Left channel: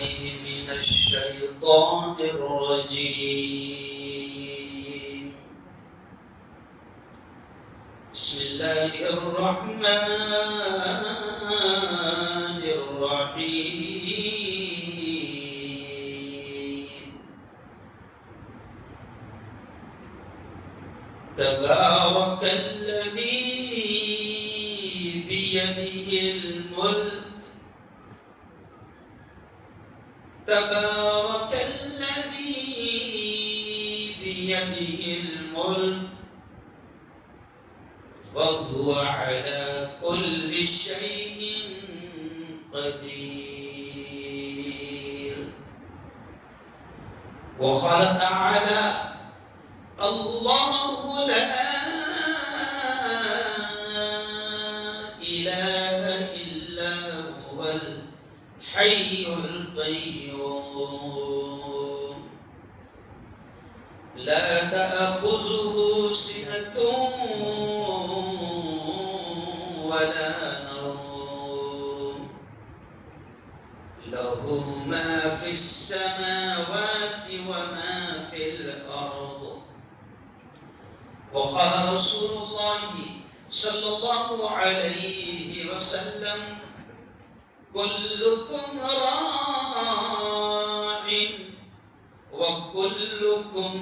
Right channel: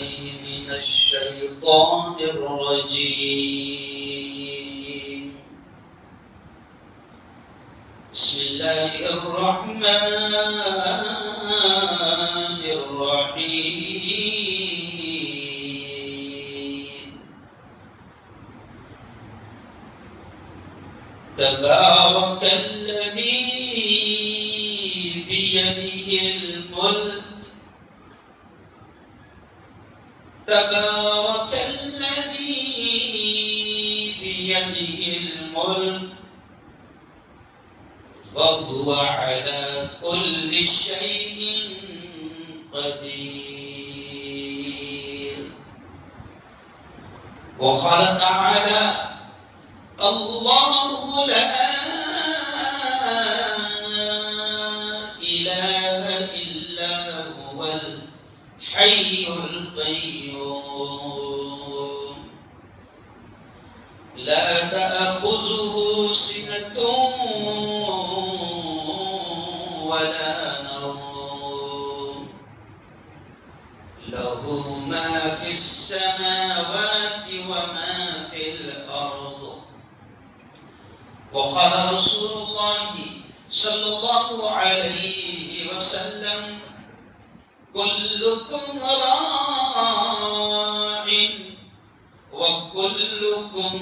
من الشيطان الرجيم. بسم الله الرحمن الرحيم. تبارك الذي بيده الملك. تبارك الذي بيده الملك وهو على كل شيء قدير. وقال تعالى: الله لا إله إلا هو الحي القيوم لا تأخذه سنة ولا نوم له ما في السماوات وما في الأرض. وقال رسول الله صلى الله عليه وسلم: كلكم راع وكلكم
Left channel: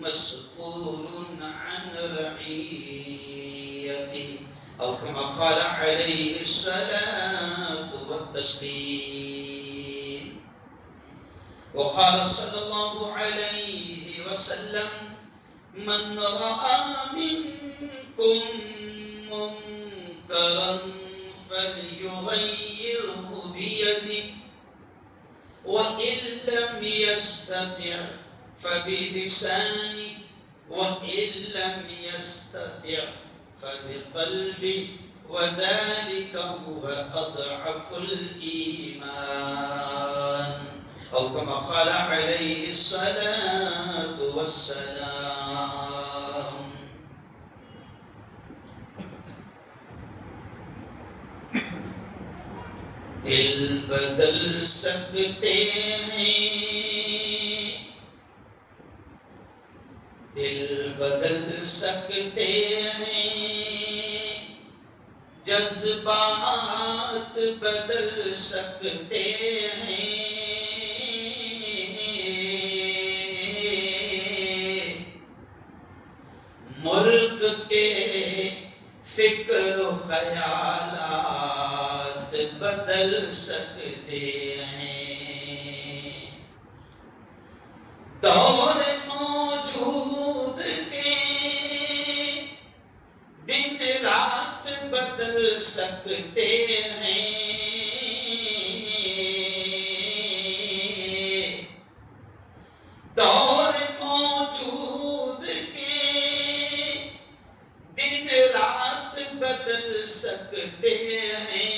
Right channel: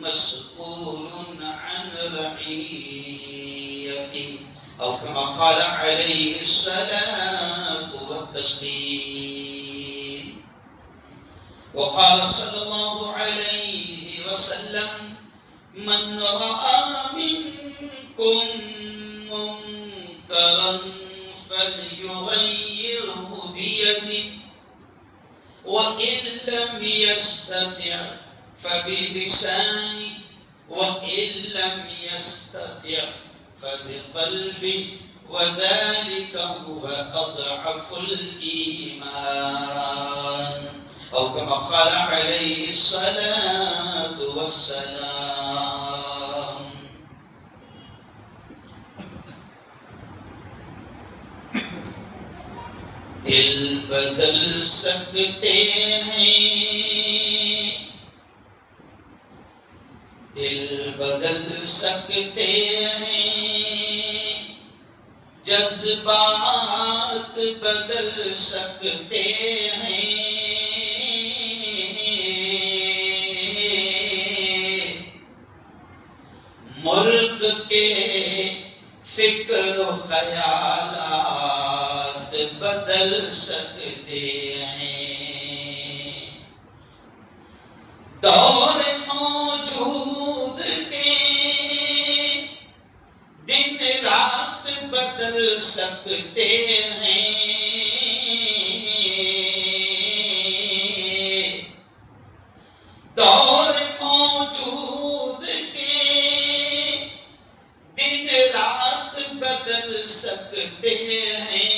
مسؤول عن رعيته، أو كما قال عليه الصلاة والتسليم. وقال صلى الله عليه وسلم: من رأى منكم منكرا فليغيره بيده، وإن لم يستطع فبلسانه، وإن لم يستطع فبقلبه، وذلك هو أضعف الإيمان، أو كما قال عليه الصلاة والسلام. دل بدل سکتے ہیں، دل بدل سکتے ہیں، جذبات بدل سکتے ہیں، ملک کے فکر و خیالات بدل سکتے ہیں، دور موجود کے دن رات بدل سکتے ہیں، دور موجود کے دن رات بدل سکتے ہیں،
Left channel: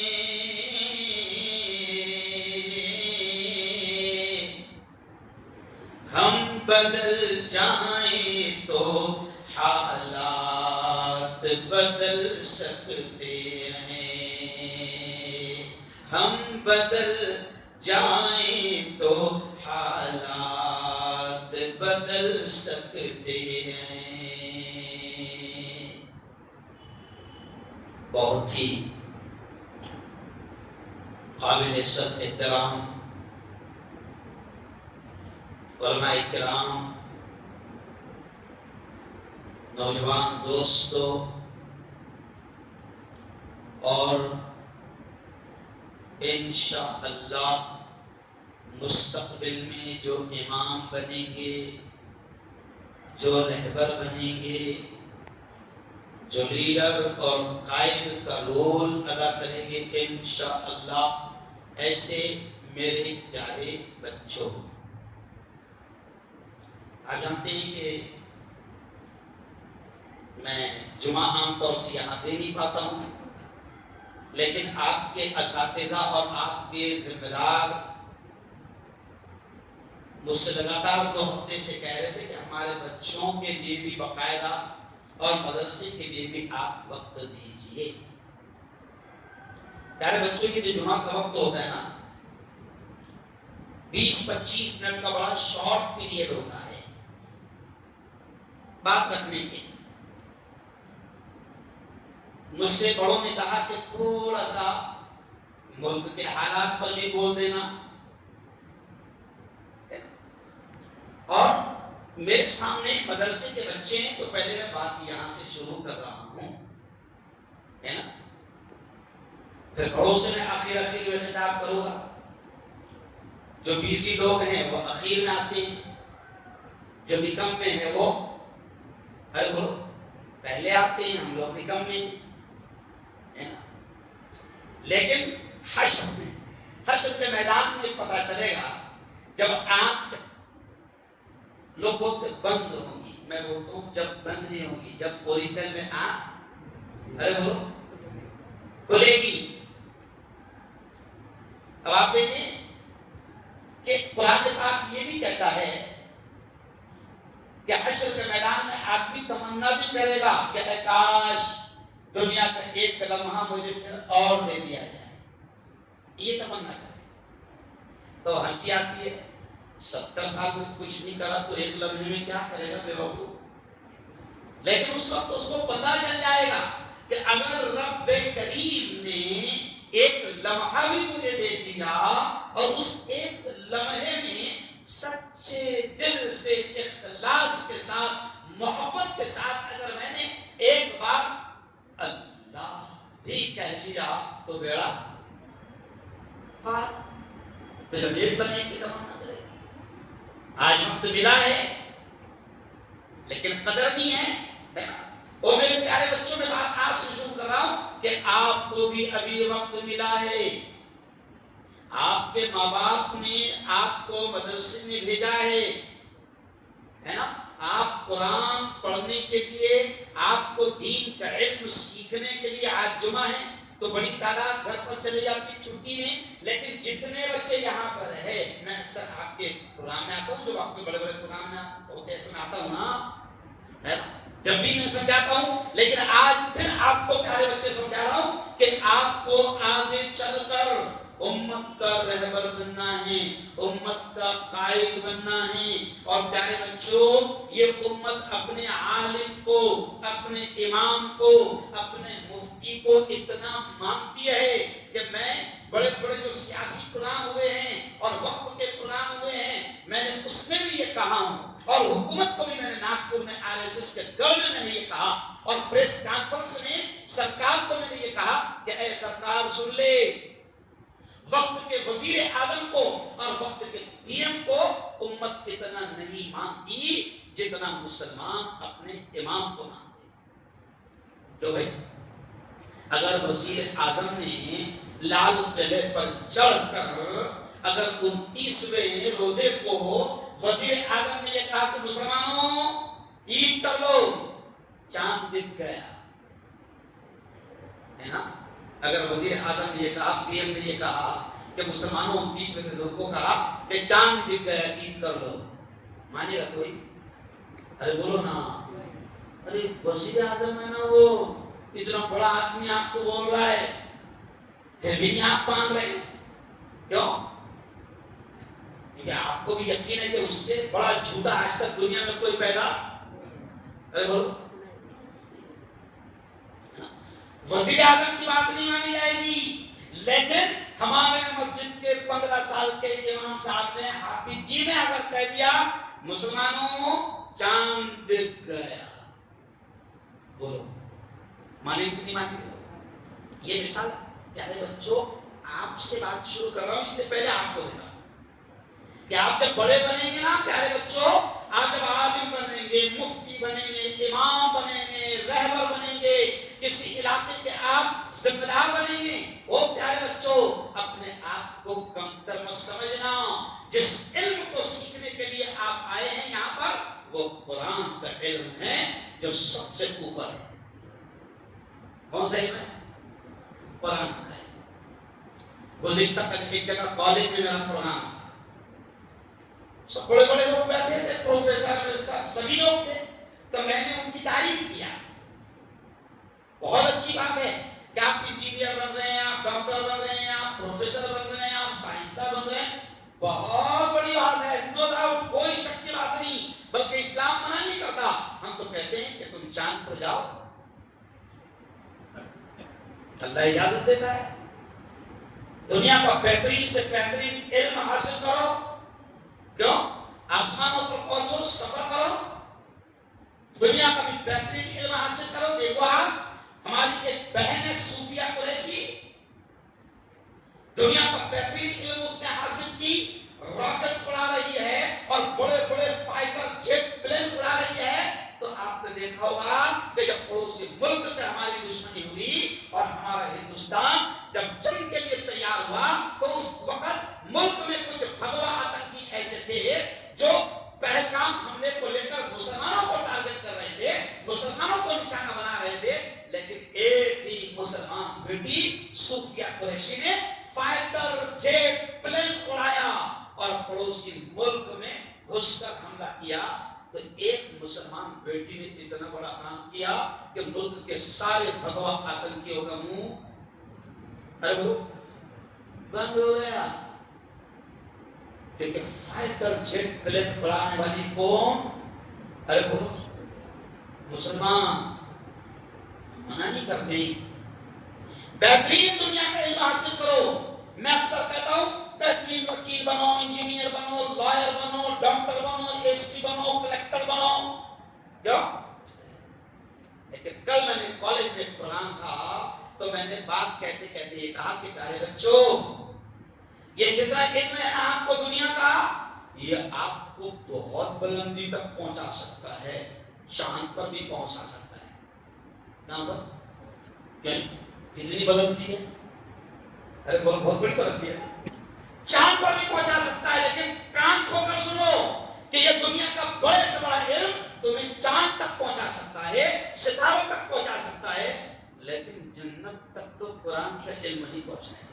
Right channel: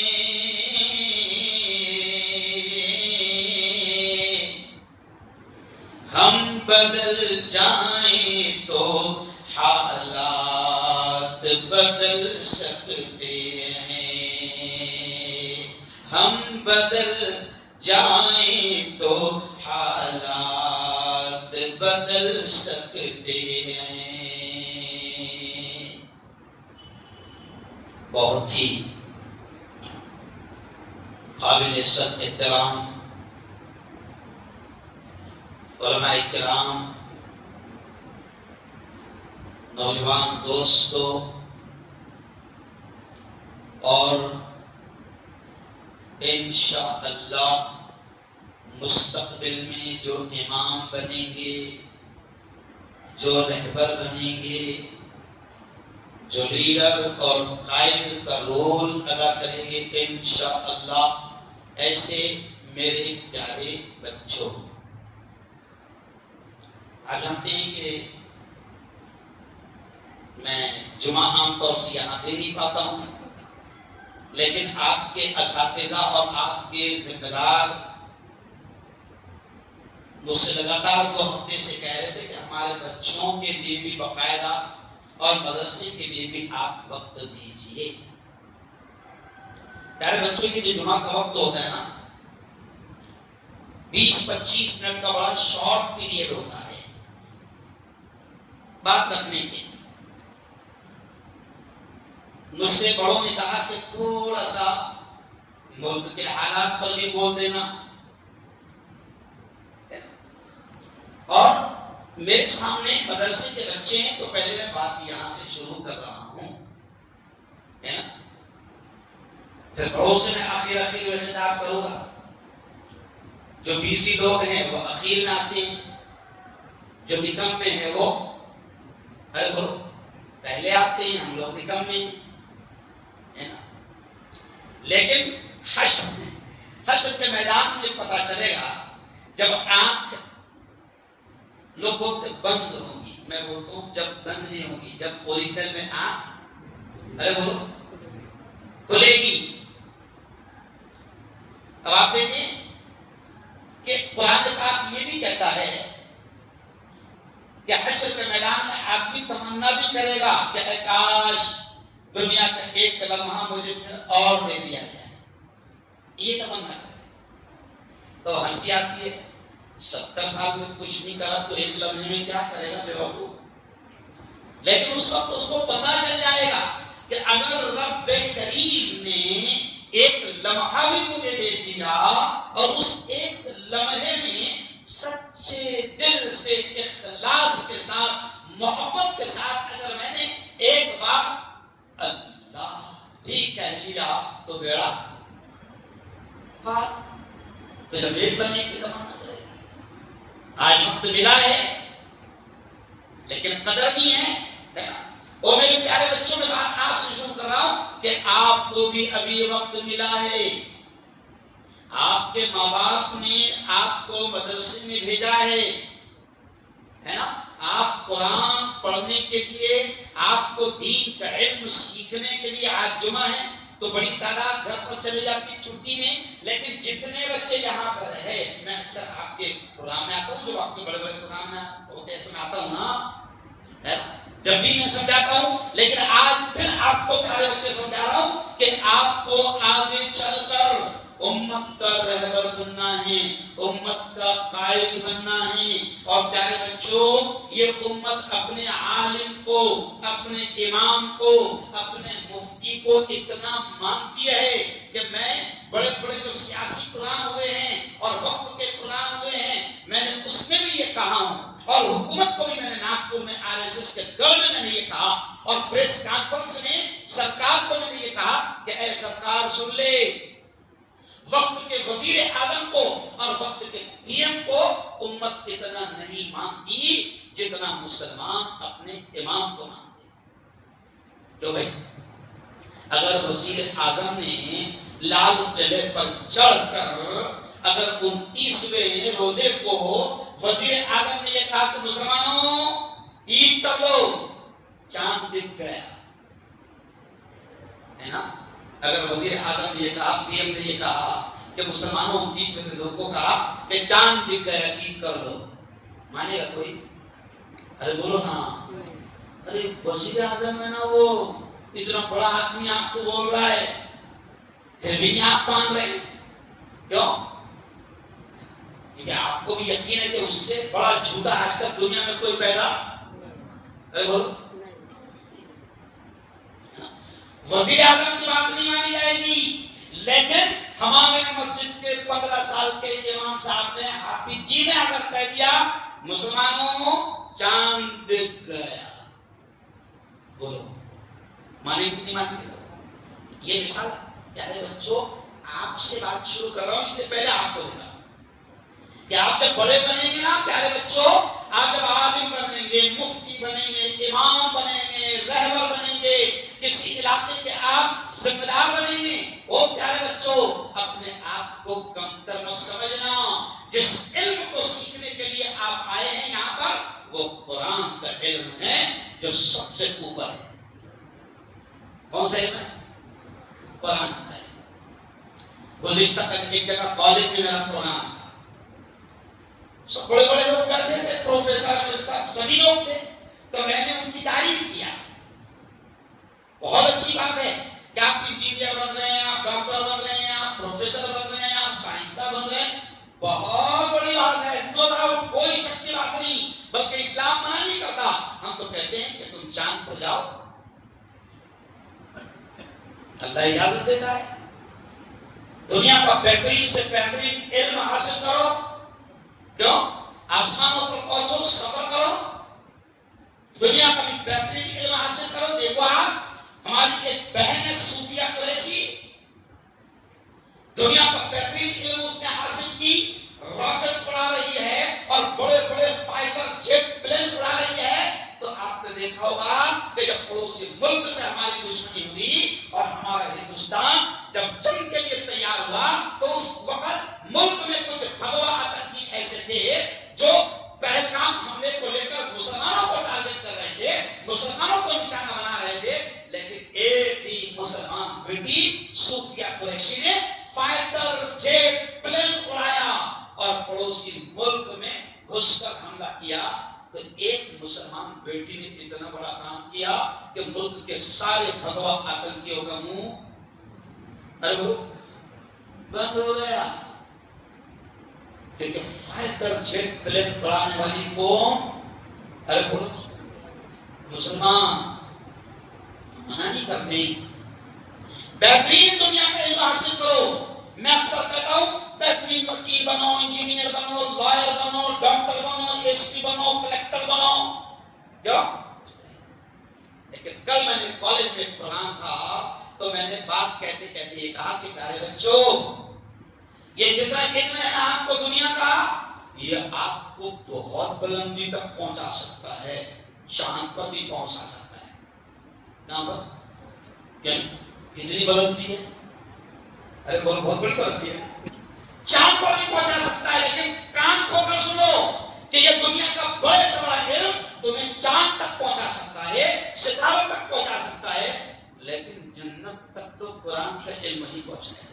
ہم بدل جائیں تو حالات بدل سکتے ہیں، ہم بدل جائیں تو حالات بدل سکتے ہیں۔ بہت ہی قابل احترام علماء کرام، نوجوان دوستوں، اور انشاءاللہ مستقبل میں جو امام بنیں گے، جو رہبر بنیں گے، جو لیڈر اور قائد کا رول ادا کریں گے، انشاءاللہ ایسے میرے پیارے بچوں، آپ جانتے ہیں کہ میں جمعہ عام طور سے یہاں دے نہیں پاتا ہوں، لیکن آپ کے اساتذہ اور آپ کے ذمہ دار مجھ سے لگاتار 2 ہفتے سے کہہ رہے تھے کہ ہمارے بچوں کے لیے بھی باقاعدہ اور مدرسے کے لیے بھی آپ وقت دیجئے۔ پیارے بچوں کے لیے جمعہ کا وقت ہوتا ہے نا، 20-25 منٹ کا بڑا شارٹ پیریڈ ہوتا ہے بات رکھنے کے لیے. مجھ سے بڑوں نے کہا کہ تھوڑا سا ملک کے حالات پر بھی بول دینا. اور میرے سامنے مدرسے کے بچے ہیں تو پہلے میں بات یہاں سے شروع کر رہا ہوں, ہے نا. پھر بڑوں سے میں آخر میں خطاب کروں گا. جو بیسی لوگ ہیں وہ اخیر میں آتے ہیں, جو نکم میں ہیں وہ ارے بولو پہلے آتے ہیں. ہم لوگ نکم میں ہیں نا. لیکن حشر کے میدان میں پتا چلے گا جب آنکھ لوگ بولتے بند ہوگی, میں بولتا ہوں جب بند نہیں ہوگی, جب پوری دل میں آنکھ ارے بولو کھلے گی. اب آپ دیکھیں کہ قرآن پاک یہ بھی کہتا ہے کہ حشر کے میدان میں آدمی تمنا بھی کرے گا کہ اے کاش دنیا کا ایک لمحہ مجھے پھر اور دے دیا جائے, یہ تمنا کرے. تو ہنسی آتی ہے, 70 سال میں کچھ نہیں کرا تو ایک لمحے میں کیا کرے گا بے وقوف. لیکن اس وقت اس کو پتا چل جائے گا کہ اگر رب کریم نے ایک لمحہ بھی مجھے دے دیا اور اس ایک لمحے میں سچے دل سے اخلاص کے ساتھ محبت کے ساتھ اگر میں نے ایک بار اللہ بھی کہہ لیا تو بیڑا بات. تو جب ایک لمحے کی تمنا کرے, آج وقت ملا ہے لیکن قدر نہیں ہے. اور میرے پیارے بچوں میں بات آپ سے شروع کر رہا ہوں کہ آپ کو بھی ابھی وقت ملا ہے. آپ کے ماں باپ نے آپ کو مدرسے میں بھیجا ہے نا. آپ قرآن پڑھنے کے لیے, آپ کو دین کا علم سیکھنے کے لیے آج جمعہ ہے تو بڑی تعداد گھر پر چلے جاتی چھٹی میں. لیکن جتنے بچے یہاں پر ہے, میں اکثر آپ کے پروگرام میں آتا ہوں, جب آپ کے بڑے بڑے پروگرام میں ہوتے ہیں تو میں آتا ہوں نا, جب بھی میں سمجھاتا ہوں. لیکن آج پھر آپ کو پیارے بچے سمجھا رہا ہوں کہ آپ کو آگے چل کر امت کا رہبر بننا ہے, امت کا قائد بننا ہے. اور پیارے بچوں, یہ امت اپنے عالم کو, اپنے امام کو, اپنے مفتی کو اتنا مانتی ہے کہ میں بڑے بڑے جو سیاسی پروگرام ہوئے ہیں اور وقت کے پروگرام ہوئے ہیں, میں نے اس میں بھی یہ کہا ہوں, اور حکومت کو بھی میں نے ناگپور میں RSS کے گڑھ میں نے یہ کہا, اور پریس کانفرنس میں سرکار کو میں نے یہ کہا کہ اے سرکار سن لے, وقت کے وزیر اعظم کو اور وقت کے PM کو امت اتنا نہیں مانتی جتنا مسلمان اپنے امام کو مانتے. کیوں بھائی؟ اگر وزیر اعظم نے لال قلعے پر چڑھ کر اگر 29ویں روزے کو وزیر اعظم نے یہ کہا کہ مسلمانوں عید کر لو, چاند دکھ گیا, ہے نا. اگر وزیر اعظم نے یہ کہا, PM نے یہ کہا کہ مسلمانوں 29ویں روزے کو کہا کہ چاند دکھ گیا, عید کر لو, مانے گا کوئی؟ ارے بولو نا. ارے وزیر اعظم ہے نا, وہ اتنا بڑا آدمی آپ کو بول رہا ہے, پھر بھی نہیں آپ مان رہے ہیں. کیوں؟ کیونکہ آپ کو بھی یقین ہے کہ اس سے بڑا جھوٹا آج تک دنیا میں کوئی پیدا. ارے بولو, وزیر اعظم کی بات نہیں مانی جائے گی. لیکن ہمارے مسجد کے 15 سال کے امام صاحب نے, حافظ جی نے اگر کہہ دیا مسلمانوں چاند دکھ گیا, بولو مانے کی نہیں مانی؟ یہ مثال پیارے بچوں آپ سے بات شروع کر رہا ہوں, اس سے پہلے آپ کو دیکھا کہ آپ جب بڑے بنیں گے نا پیارے بچوں, آپ جب عالم بنیں گے, مفتی بنیں گے, امام بنیں گے, رہبر بنیں گے, کسی علاقے کے آپ ذمہ دار بنیں گے, وہ پیارے بچوں اپنے آپ کو کمتر مت سمجھنا. جس علم کو سیکھنے کے لیے آپ آئے ہیں یہاں پر وہ قرآن کا علم ہے جو سب سے اوپر ہے. کون سا علم ہے؟ قرآن کا علم. گزشتہ ایک جگہ کالج میں میرا پروگرام تھا, سب بڑے بڑے لوگ بیٹھے تھے, پروفیسر سبھی لوگ تھے, تو میں نے ان کی تعریف کیا. بہت اچھی بات ہے کہ آپ انجینئر بن رہے ہیں, آپ ڈاکٹر بن رہے ہیں, آپ پروفیسر بن رہے ہیں, آپ سائنسداں بن رہے ہیں, بہت جاؤ. اللہ اجازت دیتا ہے. دنیا کا بہترین سے بہترین علم حاصل کرو. کیوں؟ آسمانوں پر پہنچو, سفر کرو, دنیا کا بھی بہترین علم حاصل کرو. دیکھو آپ, ہماری ایک بہن ہے صوفیہ قریشی, دنیا کا بہترین علم اس نے حاصل کی, راکٹ اڑا رہی ہے اور بڑے بڑے فائٹر جیٹ پلین اڑا رہی ہے. تو آپ نے دیکھا ہوگا کہ جب پڑوسی ملک سے ہماری دشمنی ہوئی اور ہمارا ہندوستان جب جنگ کے لیے تیار ہوا, تو اس وقت ملک میں کچھ بھگوا آتنکی ایسے تھے جو پہلگام حملے کو لے کر مسلمانوں کو ٹارگٹ کر رہے تھے, مسلمانوں کو نشانہ بنا رہے تھے. لیکن ایک ہی مسلمان بیٹی صوفیہ قریشی نے فائٹر جیٹ پلین اڑایا اور پڑوسی ملک میں گھس کر حملہ کیا. تو ایک مسلمان بیٹی نے اتنا بڑا کام کیا کہ ملک کے سارے بھگوا آتنکیوں کا منہ بند ہو گیا. کیونکہ فائٹر جیٹ پلین اڑانے والی قوم, ارے بولو, مسلمان منع نہیں کرتے. بہترین دنیا کا علم حاصل کرو. میں اکثر کہتا ہوں بہترین وکیل بنو, انجینئر بنو, لائر بنو, ڈاکٹر بنو, ایس پی بنو, کلیکٹر بنو. کیوں؟ لیکن کل میں نے کالج میں ایک پروگرام تھا, تو میں نے بات کہتے کہتے یہ کہا کہ پیارے بچوں, یہ جتنا علم ہے آپ کو دنیا کا, یہ آپ کو بہت بلندی تک پہنچا سکتا ہے, چاند پر بھی پہنچا سکتا ہے. کہاں پر؟ یعنی کتنی بلندی ہے؟ ارے بہت بڑی بلندی ہے. چاند پر بھی پہنچا سکتا ہے. لیکن کان کھول کر سنو کہ یہ دنیا کا بڑے سے بڑا علم تمہیں چاند تک پہنچا سکتا ہے, ستاروں تک پہنچا سکتا ہے, لیکن جنت تک تو قرآن کا علم ہی پہنچائے گا.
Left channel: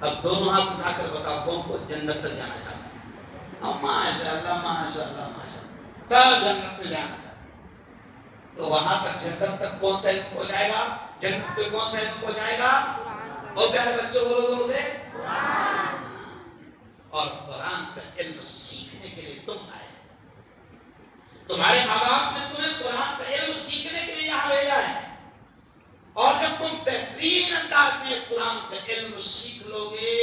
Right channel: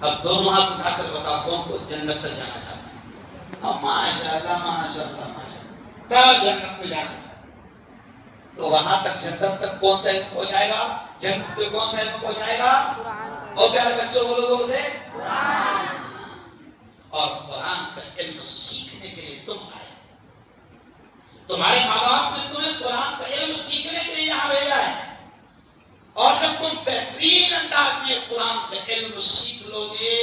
اب دونوں ہاتھ اٹھا کر بتاؤ کون کو جنت تک جانا چاہتا ہے؟ ماشاء اللہ ماشاء اللہ ماشاء اللہ, سب جنت میں جانا چاہتے ہیں. تو وہاں تک جنت تک کون سا علم پہنچائے گا؟ جنت پہ کون سا علم پہنچائے گا؟ اور پیارے بچوں بولو دور سے, اور قرآن کا علم سیکھنے کے لیے تم آئے. تمہارے ماں باپ نے تمہیں قرآن کا علم سیکھنے کے لیے یہاں بھیجا ہے, اور جب تم بہترین انداز میں قرآن کا علم سیکھ لو گے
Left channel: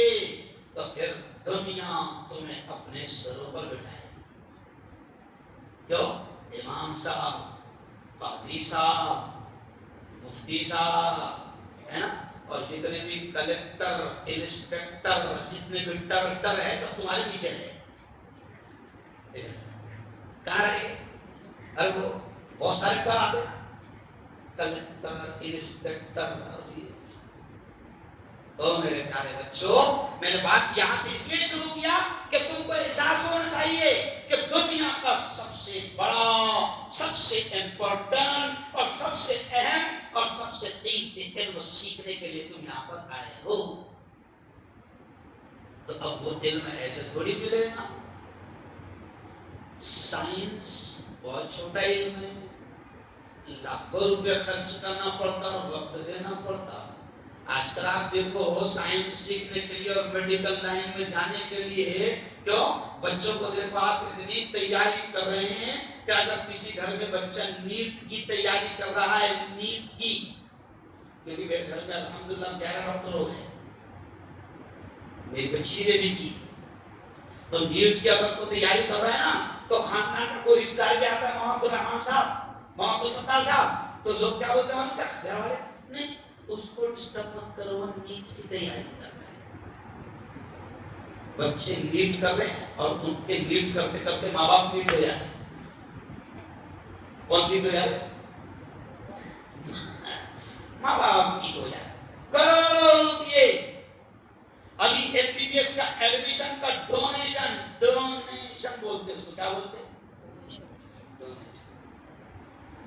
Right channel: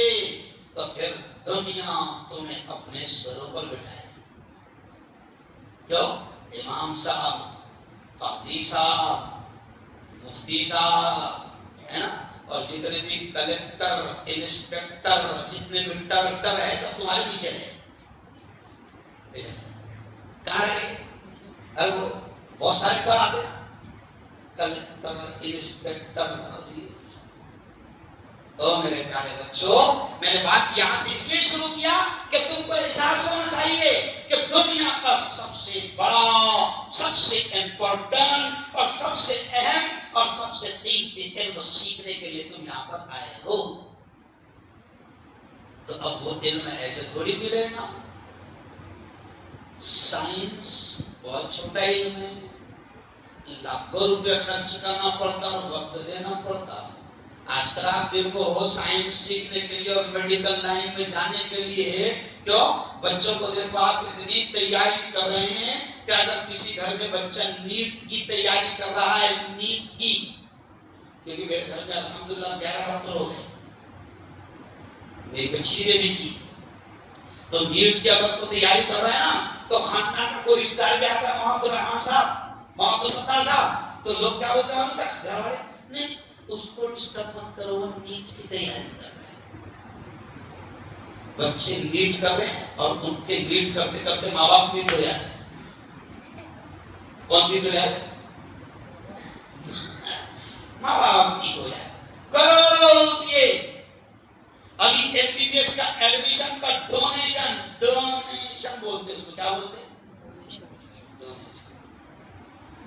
تو پھر دنیا تمہیں اپنے سروں پر بٹھائے گی. جو امام صاحب, قاضی صاحب, مفتی صاحب ہے نا, اور جتنے بھی کلیکٹر, انسپیکٹر, جتنے بھی ڈائریکٹر ہیں, سب تمہارے نیچے ہیں. کہاں رہے؟ ارے وہ بہت سارے کر آتے, کلیکٹر, انسپیکٹر. او میرے پیارے بچوں, میں نے بات یہاں سے اس لیے شروع کیا کہ تم کو احساس ہونا چاہیے کہ دنیا کا سب سے بڑا, سب سے امپورٹنٹ اور سب سے اہم اور سب سے قیمتی علم سیکھنے کے لیے تم یہاں پر آئے ہو. تو اب وہ علم ایسے تھوڑی ملے گا. سائنس بہت چھوٹا علم ہے, لاکھوں روپے خرچ کرنا پڑتا اور وقت دینا پڑتا. آج کل آپ دیکھو سائنس سیکھنے کے لیے اور میڈیکل لائن میں جانے کے لیے, کیوں بچوں کو دیکھو آپ اتنی تیاری کر رہے ہیں کہ اگر کسی گھر میں بچہ نیٹ کی تیاری کر رہا ہے, نیٹ کی, کیونکہ میرے گھر میں الحمدللہ 11 ڈاکٹر ہو گئے, میری بچی نے بھی کی, تو نیٹ کی اگر کوئی تیاری کر رہا ہے نا, تو خاندان کا کوئی رشتہ دار بھی آتا ہے, محمد الرحمان صاحب, محمد الستار صاحب, تو لوگ کیا بولتے ہیں ان کا گھر والے, نہیں اس کو ڈسٹرب مت کرو, وہ نیٹ کی تیاری کر رہے ہیں. بچے نیٹ کر رہے ہیں اور ان کے نیٹ کرتے کرتے ماں باپ نیٹ ہو جاتے ہیں. کون نیٹ ہو جاتے ہیں؟ ماں باپ نیٹ ہو جاتے ہیں. کرو یہ ابھی ایل پی بی ایس کا ایڈمیشن کا ڈونیشن بولتے ہیں, اس کو کیا بولتے ہیں؟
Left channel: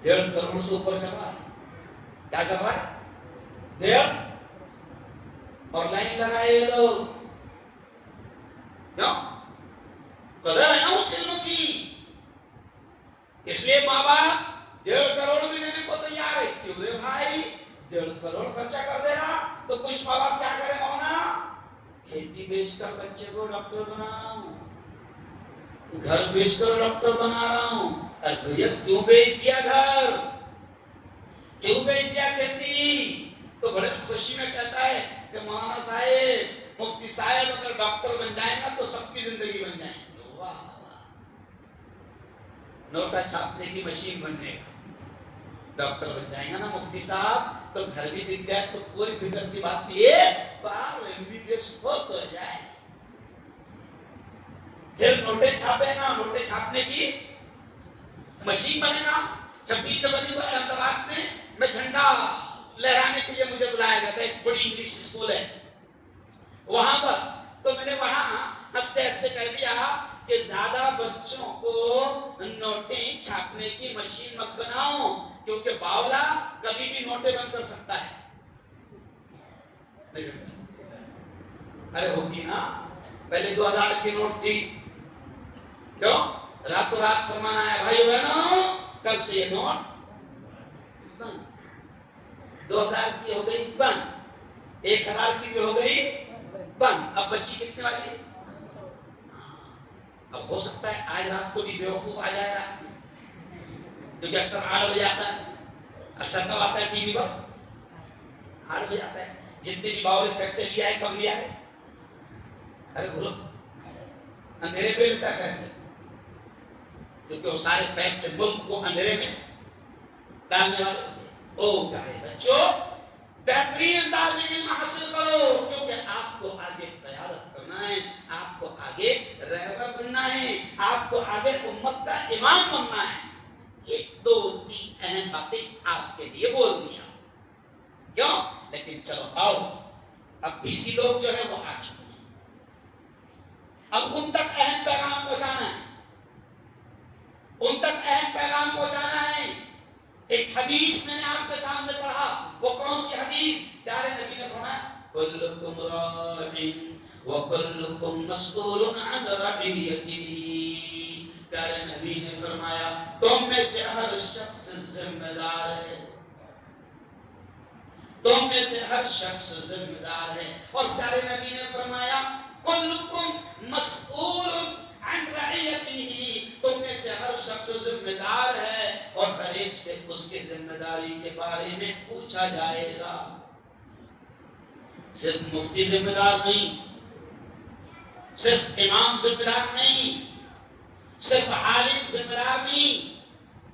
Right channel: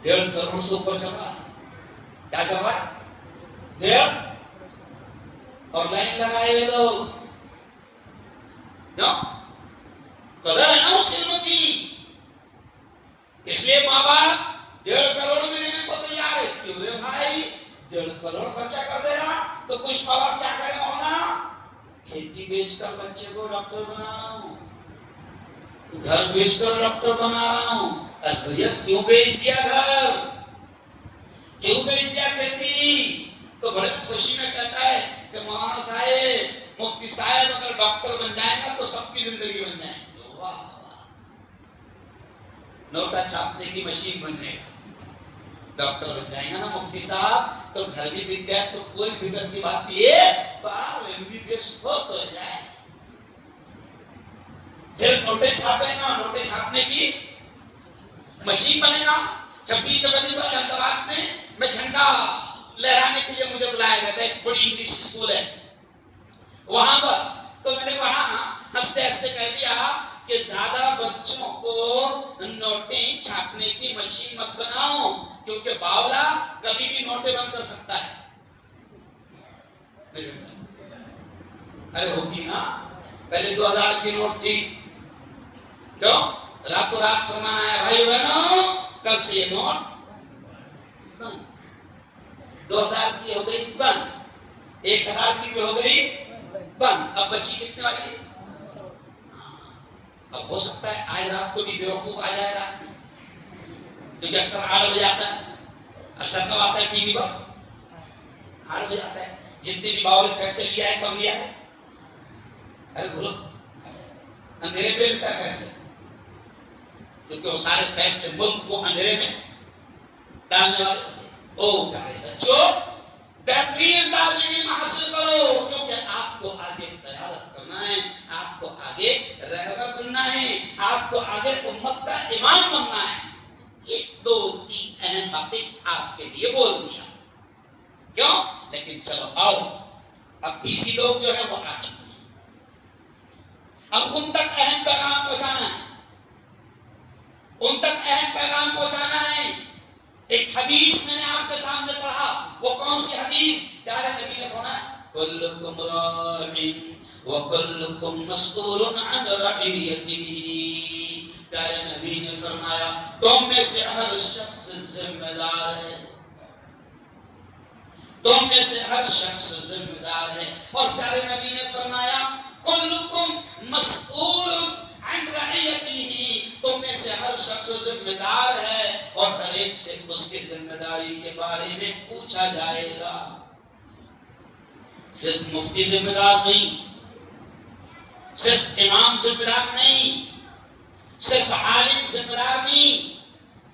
1.5 کروڑ سے اوپر چل رہا ہے. کیا چل رہا ہے؟ 1.5, اور لائن لگائے ہوئے لوگ, کیوں؟ قدر ہے نا اس علم کی, اس لیے ماں باپ 1.5 کروڑ بھی دینے کو تیار ہے. چلے بھائی 1.5 کروڑ خرچہ کر دے گا تو کچھ ماں باپ کیا کرے مونا, کھیتی بیچ کر بچے کو ڈاکٹر بنا رہا ہوں, گھر بیچ کر ڈاکٹر بنا رہا ہوں, ارے بھیا کیوں بیچ دیا گھر، کیوں بیچ دیا کھیتی؟ تو بڑے خوشی میں کہتا ہے کہ مولانا صاحب مفتی صاحب اگر ڈاکٹر بن جائیں گا تو سب کی زندگی بن جائیں گے۔ واہ واہ، نوٹا چھاپنے کی مشین بنے گا، ڈاکٹر بن جائیں گا نا مفتی صاحب تو گھر بھی بک گئے تو کوئی فکر کی بات نہیں ہے، باہر MBBS ہو تو جائے، پھر نوٹے چھاپے گا، نوٹے چھاپنے کی مشین بنے گا۔ 26 جنوری کو احمدآباد میں جھنڈا لہرانے کے لیے مجھے بلایا گیا تھا، ایک بڑی انگلش اسکول ہے وہاں پر، تو میں نے وہاں ہنستے ہنستے کہہ دیا کہ زیادہ بچوں کو نوٹیں چھاپنے کی مشین مت بناؤ، کیونکہ باولا کبھی بھی نوٹیں بند کر سکتا ہے۔ ارے ہوتی نا، پہلے 2000 کی نوٹ تھی، کیوں راتوں رات فرمان آیا بھائی بہنوں کل سے یہ نوٹ بند، 2000 کی ہو گئی بند، 1000 کی بھی ہو گئی بند، اب بچی کتنے والی؟ اب ہو سکتا ہے آج رات کو بھی بیوقوف آ جائے رات میں، کیونکہ اکثر 8 بجے آتا ہے، اکثر کب آتا ہے ٹی وی پر؟ 8 بجے آتا ہے۔ جتنے بھی باول فیصلے لیا ہے کب لیا ہے؟ ارے بولو، اندھیرے پہ لیتا ہے فیصلے، کیونکہ وہ سارے فیصلے ملک کو اندھیرے میں ڈالنے والے ہوتے ہیں۔ او پیارے بچوں، بہترین انداز میں علم حاصل کرو، کیونکہ آپ کو آگے قیادت کرنا ہے، آپ کو آگے رہبر بننا ہے، آپ کو آگے امت کا امام بننا ہے۔ یہ 2-3 اہم باتیں آپ کے لیے بول دیا، کیوں؟ لیکن چلو آؤ، اب BC لوگ جو ہے وہ آ چکے ہیں، اب ان تک اہم پیغام پہنچانا ہے، ان تک اہم پیغام پہنچانا ہے۔ ایک حدیث میں نے آپ کے سامنے پڑھا، وہ کون سی حدیث؟ پیارے نبی نے فرمایا کلکم راع وکلکم مسئول عن رعیتہ، پیارے نبی نے فرمایا تم میں سے ہر شخص ذمہ دار ہے، تم میں سے ہر شخص ذمہ دار ہے، اور پیارے نبی نے فرمایا کلکم مسئول عن رعیتہ، تم میں سے ہر شخص ذمہ دار ہے اور ہر ایک سے اس کی ذمہ داری کے بارے میں پوچھا جائے گا۔ صرف مفتی ذمہ دار نہیں، صرف امام ذمہ دار نہیں، صرف عالم ذمہ دار نہیں،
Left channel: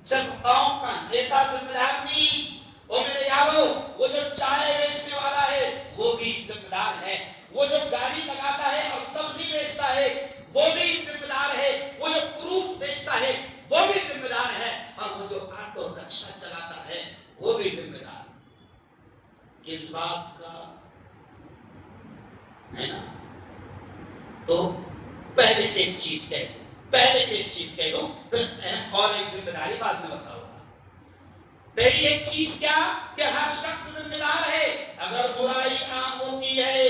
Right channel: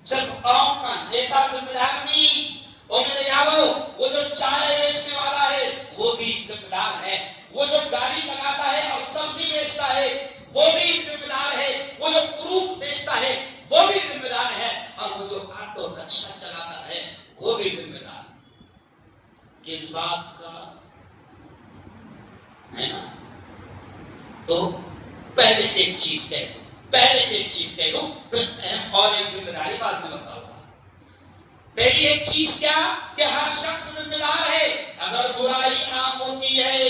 صرف قوم کا نیتا ذمہ دار نہیں، اور میرے یارو وہ جو چائے بیچنے والا ہے وہ بھی ذمہ دار ہے، وہ جو گاڑی لگاتا ہے اور سبزی بیچتا ہے وہ بھی ذمہ دار ہے، وہ جو فروٹ بیچتا ہے وہ بھی ذمہ دار ہے، اور وہ جو آٹو رکشہ چلاتا ہے وہ بھی ذمہ دار ہے۔ کس بات کا ہے نا؟ تو پہلے ایک چیز کہہ دوں، پہلے ایک چیز کہہ دوں، پھر اہم اور ایک ذمہ داری بعد میں بتاؤں گا۔ پہلی ایک چیز کیا کہ ہر شخص ذمہ دار ہے، اگر برائی عام ہوتی ہے،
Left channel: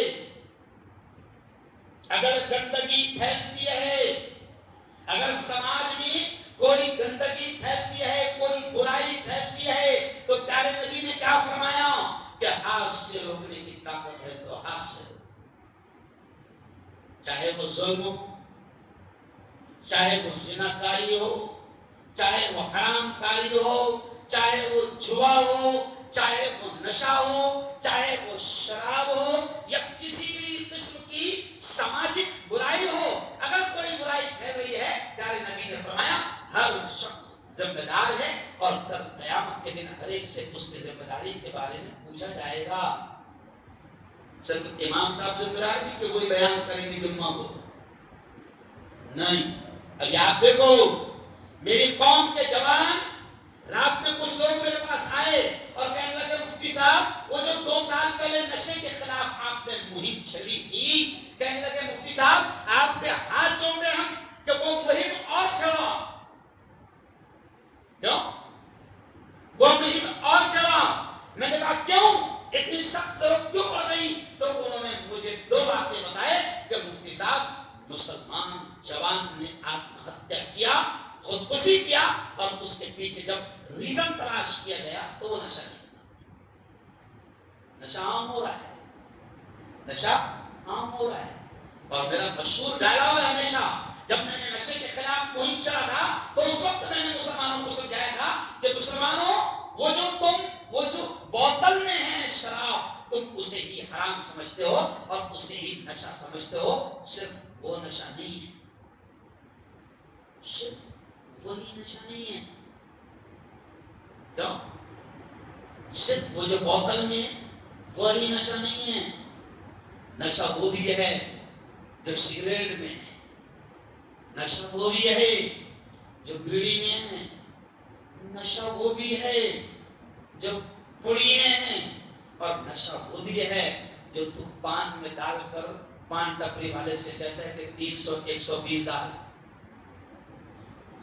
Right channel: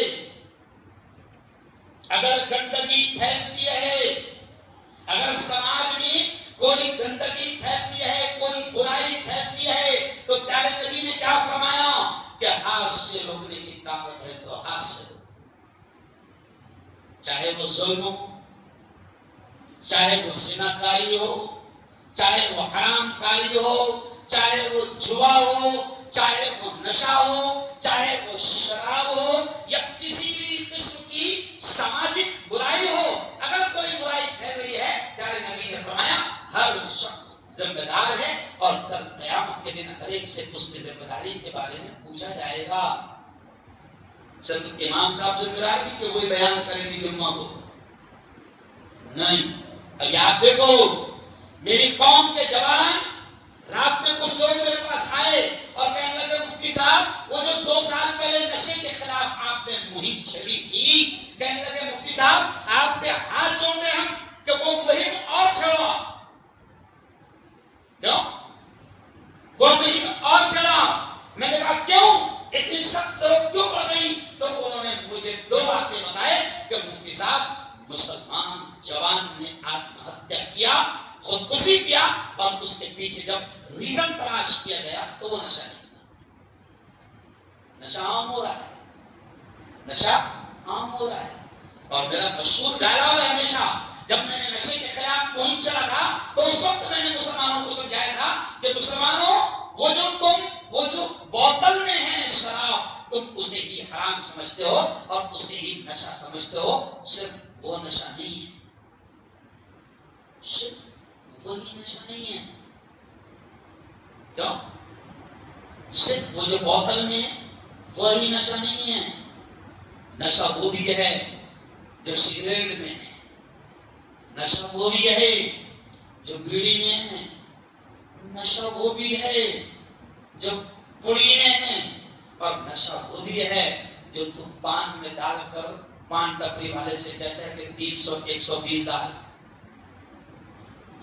اگر گندگی پھیلتی ہے، اگر سماج میں کوئی گندگی پھیلتی ہے، کوئی برائی پھیلتی ہے، تو پیارے نبی نے کیا فرمایا کہ ہاتھ سے روکنے کی طاقت ہے تو ہاتھ سے، چاہے وہ ظلم ہو، چاہے وہ زنا کاری ہو، چاہے وہ حرام کاری ہو، چاہے وہ جوا ہو، چاہے وہ نشہ ہو، چاہے وہ شراب ہو، یا کسی بھی قسم کی سماجک برائی ہو، اگر کوئی برائی پھیل رہی ہے، پیارے نبی نے فرمایا ہر شخص ذمہ دار ہے، اور کل قیامت کے دن ہر ایک سے اس کی ذمہ داری کے بارے میں پوچھا جائے گا۔ صرف امام صاحب ذمہ دار نہیں کہ وہی بیان کریں گے جمعہ کو، نہیں۔ ابھی آپ دیکھو میری قوم کے جوان، رات میں کچھ لوگ میرے پاس آئے اور کہنے لگے مفتی صاحب وہ جو 2 سال پہلے نشے کے خلاف آپ نے مہم چھڑی تھی، کہنے لگے مفتی صاحب آپ کے ہاتھ جوڑ رہے ہم کہ وہ مہم اور چھڑا، کیوں وہ مہم اور چلا؟ میں نے کہا کیوں اتنی سخت ضرورت کیوں پڑ گئی؟ تو انہوں نے مجھے 2 باتیں بتائے کہ مفتی صاحب مسلمان جوان نے آتم ہتیا کیا، خودکشی کیا، اور اس کے پیچھے جب ریزن تلاش کیا گیا تو وہ نشہ نکلا۔ نشہ عام ہو رہا ہے، نشہ عام ہو رہا ہے، اور میرا مشہور ڈائلاگ ہے ہمیشہ جب میں نے نشے کے خلاف مہم چلا تھا تو اس وقت میں نے مسلمانوں کو سمجھایا تھا کہ مسلمانوں وہ جو بوتل میں ہے شراب تم اسے ہی حرام سمجھتے ہو اور اسے ہی نشہ سمجھتے ہو، صرف وہ نشہ نہیں ہے، صرف وہی نشہ نہیں ہے. کیوں؟ صرف وہ جو بوتل میں ہے وہی نشہ نہیں ہے. نشہ وہ بھی ہے جو سگریٹ میں ہے، نشہ وہ بھی ہے جو بیڑی میں ہے، نشہ وہ بھی ہے جو پڑی میں ہے، اور نشہ وہ بھی ہے جو تم پان میں ڈال کر پان ٹپری والے سے کہتا ہے کہ 300 120 ڈال.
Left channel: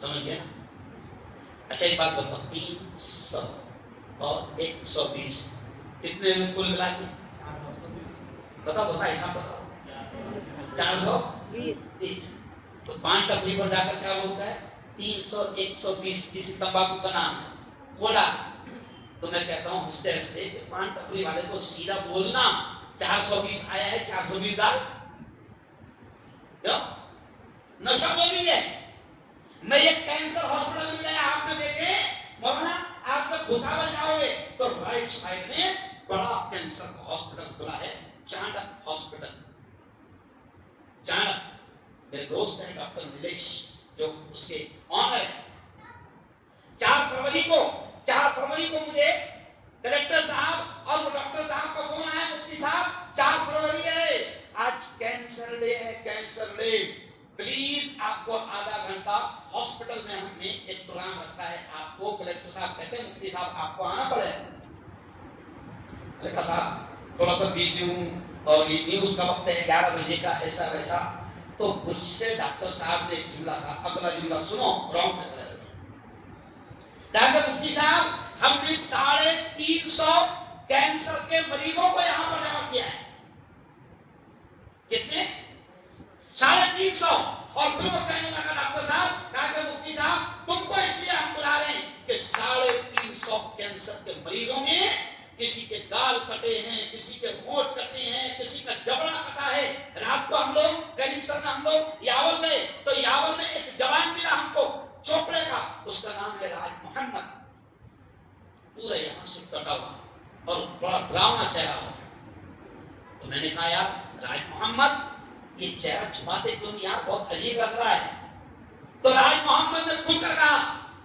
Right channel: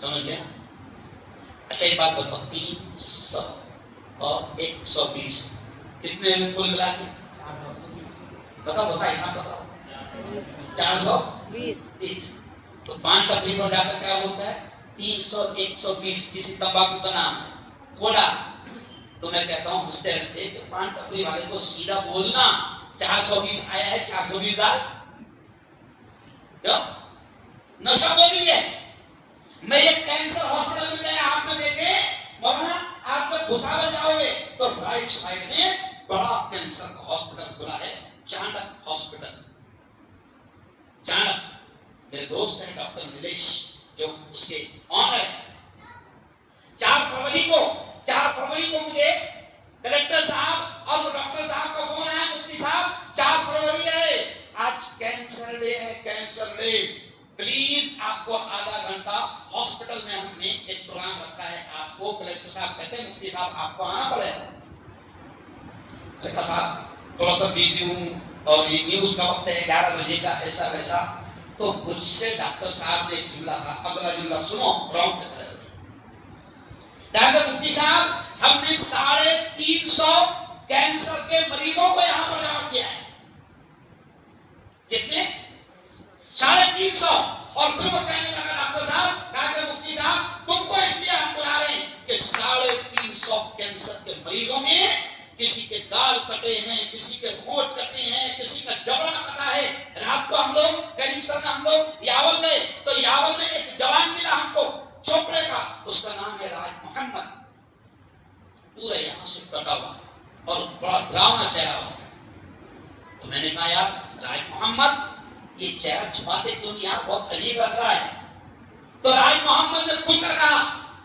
سمجھ گیا؟ اچھا ایک بات بتاؤ، 300 اور 120 کتنے میں کل ملا کے؟ بتاؤ حساب بتاؤ. 420. تو پان ٹپری پر جا کر کیا بولتا ہے؟ 300 120. کسی تمباکو کا نام ہے کوڈا. تو میں کہتا ہوں ہنستے ہنستے کہ پان ٹپری والے کو سیدھا بولنا 420 آیا ہے 420 ڈال. کیوں؟ نشہ وہ بھی ہے. میں ایک کینسر ہاسپٹل میں گیا، آپ نے دیکھے مولانا آپ جب گھسا بن جاؤ گے تو رائٹ سائڈ میں بڑا کینسر ہاسپٹل کھلا ہے، چانڈک ہاسپٹل. چانڈک میرے دوست ہیں ڈاکٹر نیلیش جو اس کے آنر ہے. 4 فروری کو مجھے کلیکٹر صاحب اور وہ ڈاکٹر صاحب کا فون آیا، مفتی صاحب 4 فروری ہے، آج کینسر ڈے ہے، کینسر ڈے، پلیز آپ کو آدھا گھنٹہ ہاسپٹل میں ہم نے ایک پروگرام رکھا ہے، آپ کو کلیکٹر صاحب کہتے ہیں مفتی صاحب آپ کو آنا پڑے گا. کلیکٹر صاحب تھوڑا سا بیزی ہوں اور یہ نیوز کا وقت ہے 11 بجے کا، ایسا ویسا. تو مجھ سے ڈاکٹر صاحب نے ایک جملہ کہا، اگلا جملہ سنو راؤنڈ تک رہے. ڈاکٹر مفتی صاحب ہم نے 350 کینسر کے مریضوں کو یہاں پر جمع کیا ہے. کتنے؟ 350. اور پھر وہ کہنے لگا ڈاکٹر صاحب، ڈاکٹر مفتی صاحب تم کو اس لیے ہم بلا رہے ہیں کہ 350 کینسر کے مریضوں میں کسی کے گال کٹے ہیں، کسی کے ہونٹ کٹے ہیں، کسی کا جبڑا کٹا ہے. رات کو ہم لوگ کریم سر ہم لوگ یاول گئے تو یاول میں ایک جوان ملا ہم کو چوپڑے کا، اس کا نام ہے راج محمد، پورا یہاں سے کٹا ہوا اور بڑا ڈراؤنا چہرہ ہوا. تو میں نے کہا یار راج محمد یہ چہرہ چھپاتے کیوں نہیں یار، بہت عجیب لگ رہا ہے. تو راج محمد نے کھل کر کہا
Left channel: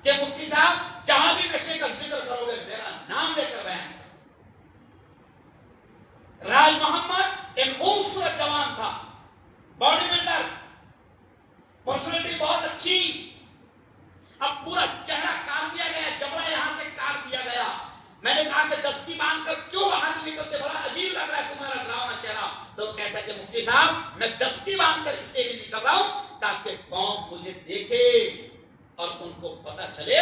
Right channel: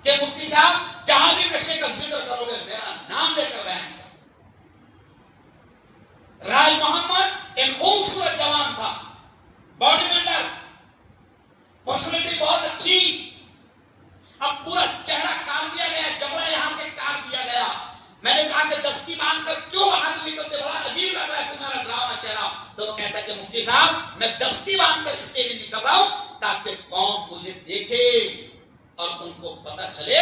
کہ مفتی صاحب جہاں بھی نشے کا ذکر کرو گے میرا نام لے کر بیان کرو. راج محمد ایک خوبصورت جوان تھا، باڈی بلڈر، پرسنالٹی بہت اچھی. اب پورا چہرہ کاٹ دیا گیا، جبڑا یہاں سے کاٹ دیا گیا. میں نے کہا کہ دستی باندھ کر کیوں باہر نکلتے، بڑا عجیب لگ رہا ہے تمہارا ڈراؤنا چہرہ. تو وہ کہتا ہے کہ مفتی صاحب میں دستی باندھ کر اس کے لیے نکل رہا ہوں تاکہ قوم مجھے دیکھے اور ان کو پتہ چلے،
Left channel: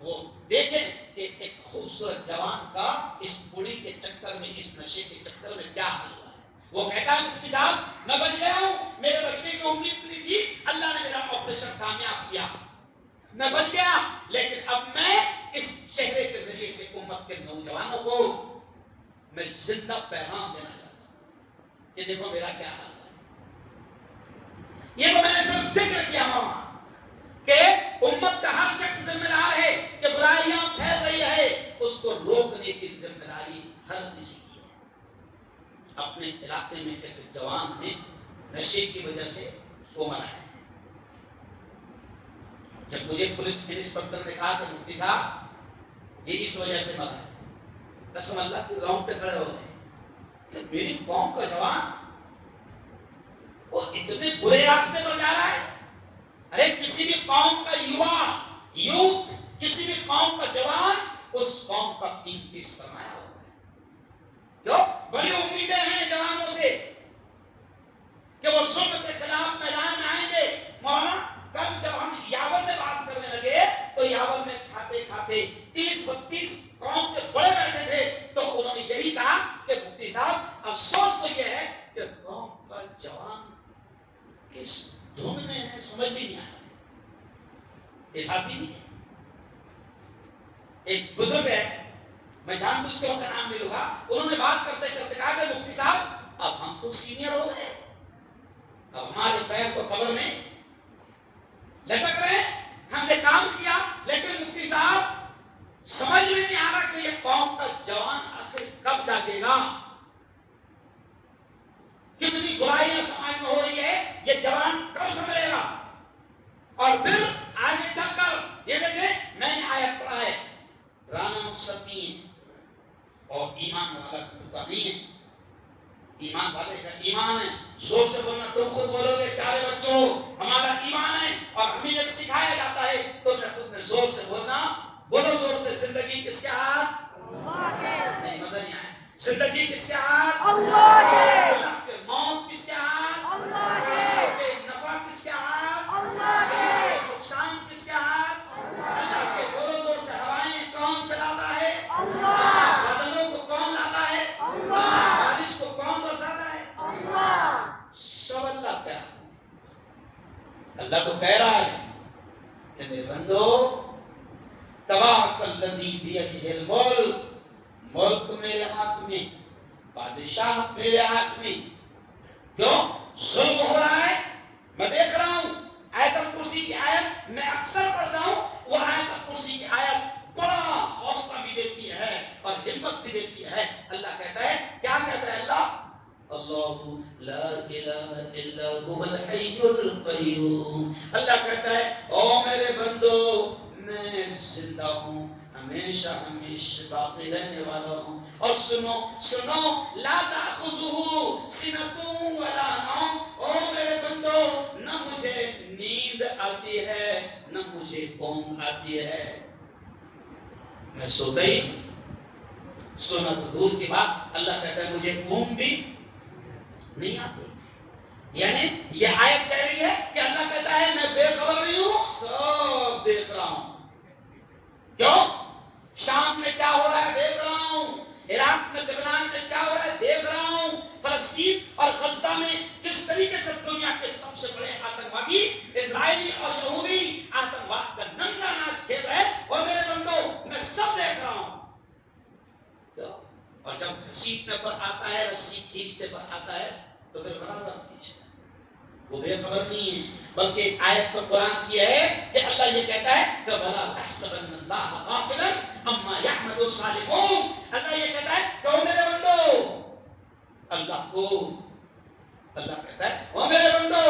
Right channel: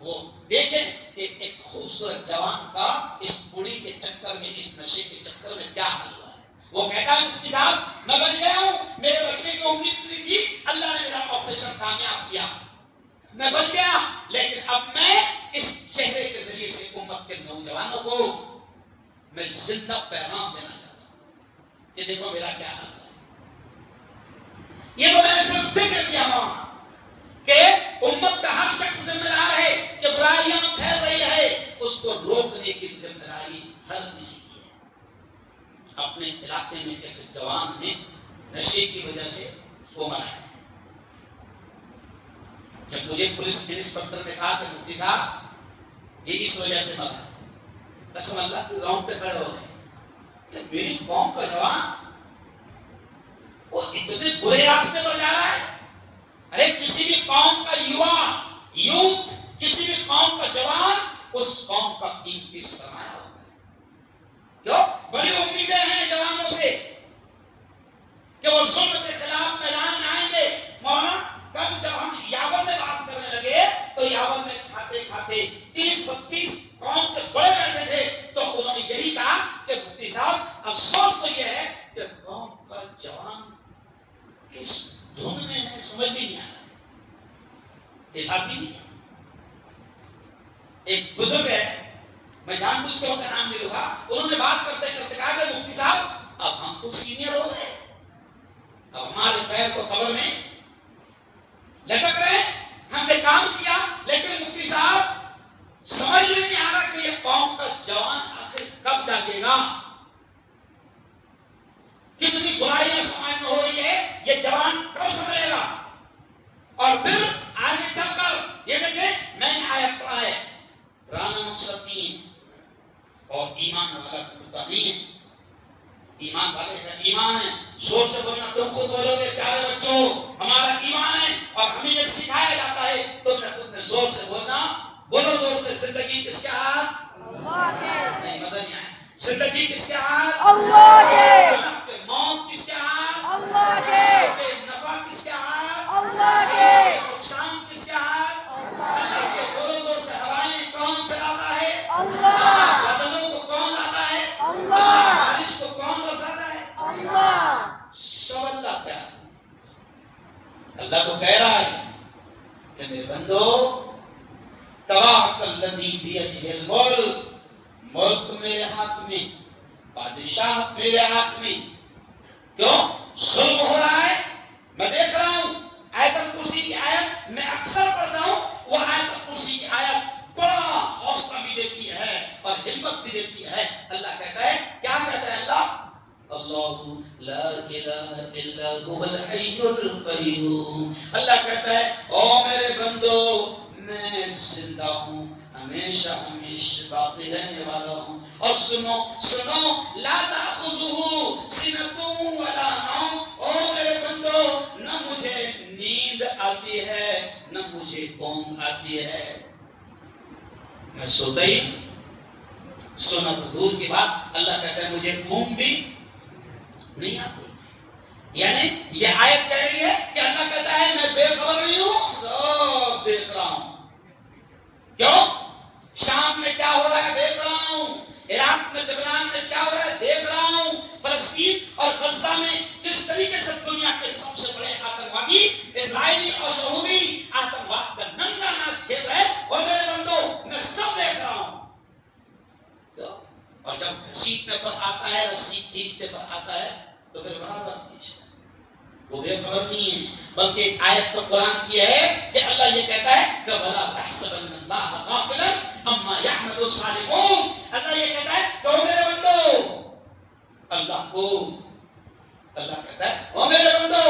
وہ دیکھیں کہ ایک خوبصورت جوان کا اس بڑی کے چکر میں، اس نشے کے چکر میں کیا حال ہوا ہے. وہ کہتا ہے مفتی صاحب میں بچ گیا ہوں، میرے بچنے کی امید نہیں تھی، اللہ نے میرا آپریشن کامیاب کیا، میں بچ گیا، لیکن اب میں اس چہرے کے ذریعے سے امت کے نوجوانوں کو میں زندہ پیغام دینا چاہتا ہوں کہ دیکھو میرا کیا حال ہے. یہ تو میں نے صرف ذکر کیا وہاں کہ امت کا ہر شخص ذمہ دار ہے کہ برائیاں پھیل رہی ہے اس کو روکنے کی ذمہ داری ہر کسی کی ہے. اپنے علاقے میں ایک جوان نے نشے کی وجہ سے وہ مرا ہے. جب مجھے پولیس انسپکٹر نے کہا کہ مفتی صاحب یہ اس وجہ سے مرا ہے، قسم اللہ کی راؤنڈ پہ کھڑے ہو گئے کہ میری قوم کا جوان وہ اتنے برے راستے پر جا رہا ہے. ارے کسی بھی قوم کا یوتھ، کسی بھی قوم کا جوان اس قوم کا قیمتی سرمایہ ہوتا ہے. جو بڑی امیدیں ہیں جوانوں سے کہ وہ ظلم کے خلاف میدان میں آئیں گے. مولانا کل جب ہم یاون میں بات کرنے لگے تو یاون میں کھاتے کھاتے 30-32 قوم کے بڑے بیٹھے تھے تو انہوں نے یہی کہا کہ مفتی صاحب افسوس تو یہ ہے کہ قوم کا جوان کس دھن میں ہے سمجھ بھی نہیں آ رہا ہے، احساسی نہیں ہے. ایک بزرگ ہے، میں جان بوجھ کے ان کا نام نہیں لوں گا، انہوں نے بات کرتے کرتے کہا کہ مفتی صاحب اب ہم تو سینئر ہو گئے، اب ہمارے پیر تو قبر میں یہ جوان کب سنبھلے گا؟ اور پھر آگے چل کر یہ دیکھیں میں نے آیت پڑھا ہے، ڈرانا مقصد نہیں ہے اور ایمان والا ڈرتا نہیں ہے، ایمان والے کا ایمان ہے، زور سے بولنا، تم خود بولو گے پیارے بچوں ہمارا ایمان ہے اور ہمیں یہ سکھایا جاتا ہے، تم نے خود نے زور سے بولنا، بولو زور سے، زندگی کس کے ہاتھ؟ نہیں مزہ نہیں آیا، زندگی کس کے ہاتھ؟ اللہ کے، اللہ کے، موت کس کے ہاتھ؟ اللہ کے، نفع کس کے ہاتھ؟ اللہ کے، نقصان کس کے ہاتھ؟ اللہ کے، بولو زور سے، ہوائیں کون چلاتا ہے؟ اللہ، بادلوں کو کون لاتا ہے؟ اللہ، بارش کو کون برساتا ہے؟ اللہ، سب اللہ کیا؟ اللہ تو کہہ رہا ہے کہ میرے بندو تبارک الذی بیدہ الملک، ملک میرے ہاتھ میں، بادشاہت میرے ہاتھ میں، کیوں؟ ظلم ہو رہا ہے، میں دیکھ رہا ہوں، آیت الکرسی کی آیت میں اکثر پڑھتا ہوں، وہ آیت الکرسی کی آیت بڑا حوصلہ بھی دیتی ہے اور ہمت بھی دیتی ہے۔ اللہ کہتا ہے، کیا کہتا ہے اللہ؟ اللہ لا الہ الا هو الحی القیوم، اللہ کہتا ہے او میرے بندو میں زندہ ہوں، ہمیشہ ہمیشہ باقی رہنے والا ہوں، اور سنو سنو، لا تأخذہ سنۃ ولا نوم، او میرے بندو نہ مجھے نیند آتی ہے نہ مجھے اونگ آتی ہے، میں سوتا ہی سونا تو دور کی بات، اللہ کہتا ہے مجھے اونگ بھی نہیں آتی، یعنی یہ آیت کہہ رہی ہے کہ اللہ کہتا ہے میں بے خبر نہیں ہوں، سب دیکھ رہا ہوں، کیوں؟ شام میں کیا ہو رہا ہے دیکھ رہا ہوں، عراق میں لبنان میں کیا ہو رہا ہے دیکھ رہا ہوں، فلسطین اور غزہ میں کس طریقے سے دنیا کے سب سے بڑے آتنکوادی اسرائیلی اور یہودی آتنکواد کا ننگا ناچ کھیل رہے ہیں، اور میرے بندو میں سب دیکھ رہا ہوں، اور جب گھسیٹنے پر آتا ہے، رسی کھینچنے پر آتا ہے تو پھر برابر کھینچتا ہے، وہ بے خبر نہیں ہے، بلکہ ایک آیت تو قرآن کی ہے کہ اللہ یہ کہتا ہے کہ وَلَا تَحْسَبَنَّ اللَّهَ غَافِلًا عَمَّا يَعْمَلُ الظَّالِمُونَ، اللہ یہ کہتا ہے کہ او میرے بندو، اللہ کو، اللہ کہتا ہے او میرے بندو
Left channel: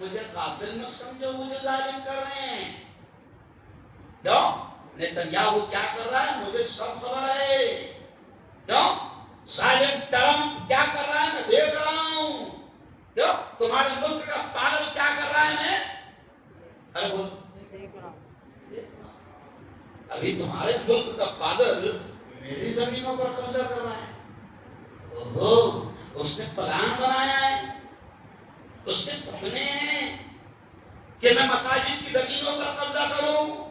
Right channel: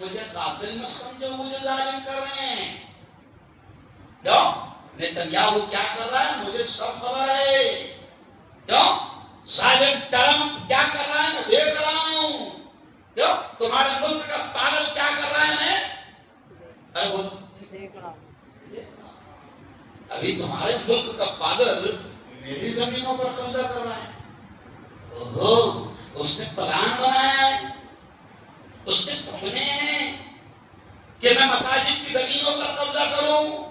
مجھے غافل مت سمجھو، مجھے ظالم کر رہے ہیں، کیوں؟ نیتنیاہو کیا کر رہا ہے مجھے سب خبر ہے، کیوں؟ ظالم ٹرمپ کیا کر رہا ہے میں دیکھ رہا ہوں، کیوں؟ تمہارے ملک کا پاگل کیا کر رہا ہے میں ارے بولو دیکھ رہا ہوں، ابھی تمہارے ملک کا پاگل میری زمینوں پر قبضہ کر رہا ہے، اوہو اس نے پلان بنایا ہے، اس کے سپنے ہیں کہ میں مساجد کی زمینوں پر قبضہ کروں،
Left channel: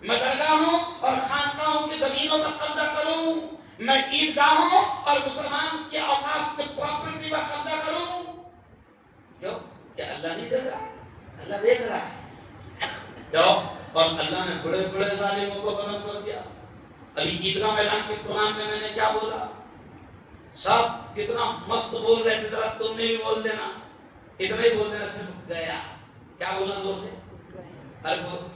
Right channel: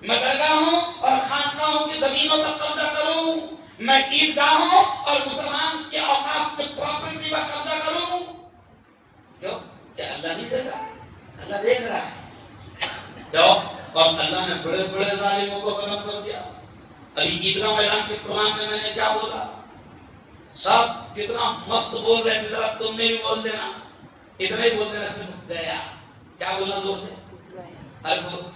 میں درگاہوں اور خانقاہوں کی زمینوں پر قبضہ کروں، میں عیدگاہوں اور مسلمان کے اوقاف کے پراپرٹی پر قبضہ کروں، کیوں؟ کیا اللہ نہیں دیکھ رہا ہے؟ اللہ دیکھ رہا ہے، کیوں؟ اور اللہ نے بڑے بڑے ظالموں کو ختم کر دیا، ابھی عیدگاہ میدان کے پروگرام میں نے کیا بولا، سب کتنا مست بول رہے تھے، ذرا تم نے بھی بول دینا، اتنا ہی بول دینا، صرف گیا، کیا بولنا زور سے، ارے بولو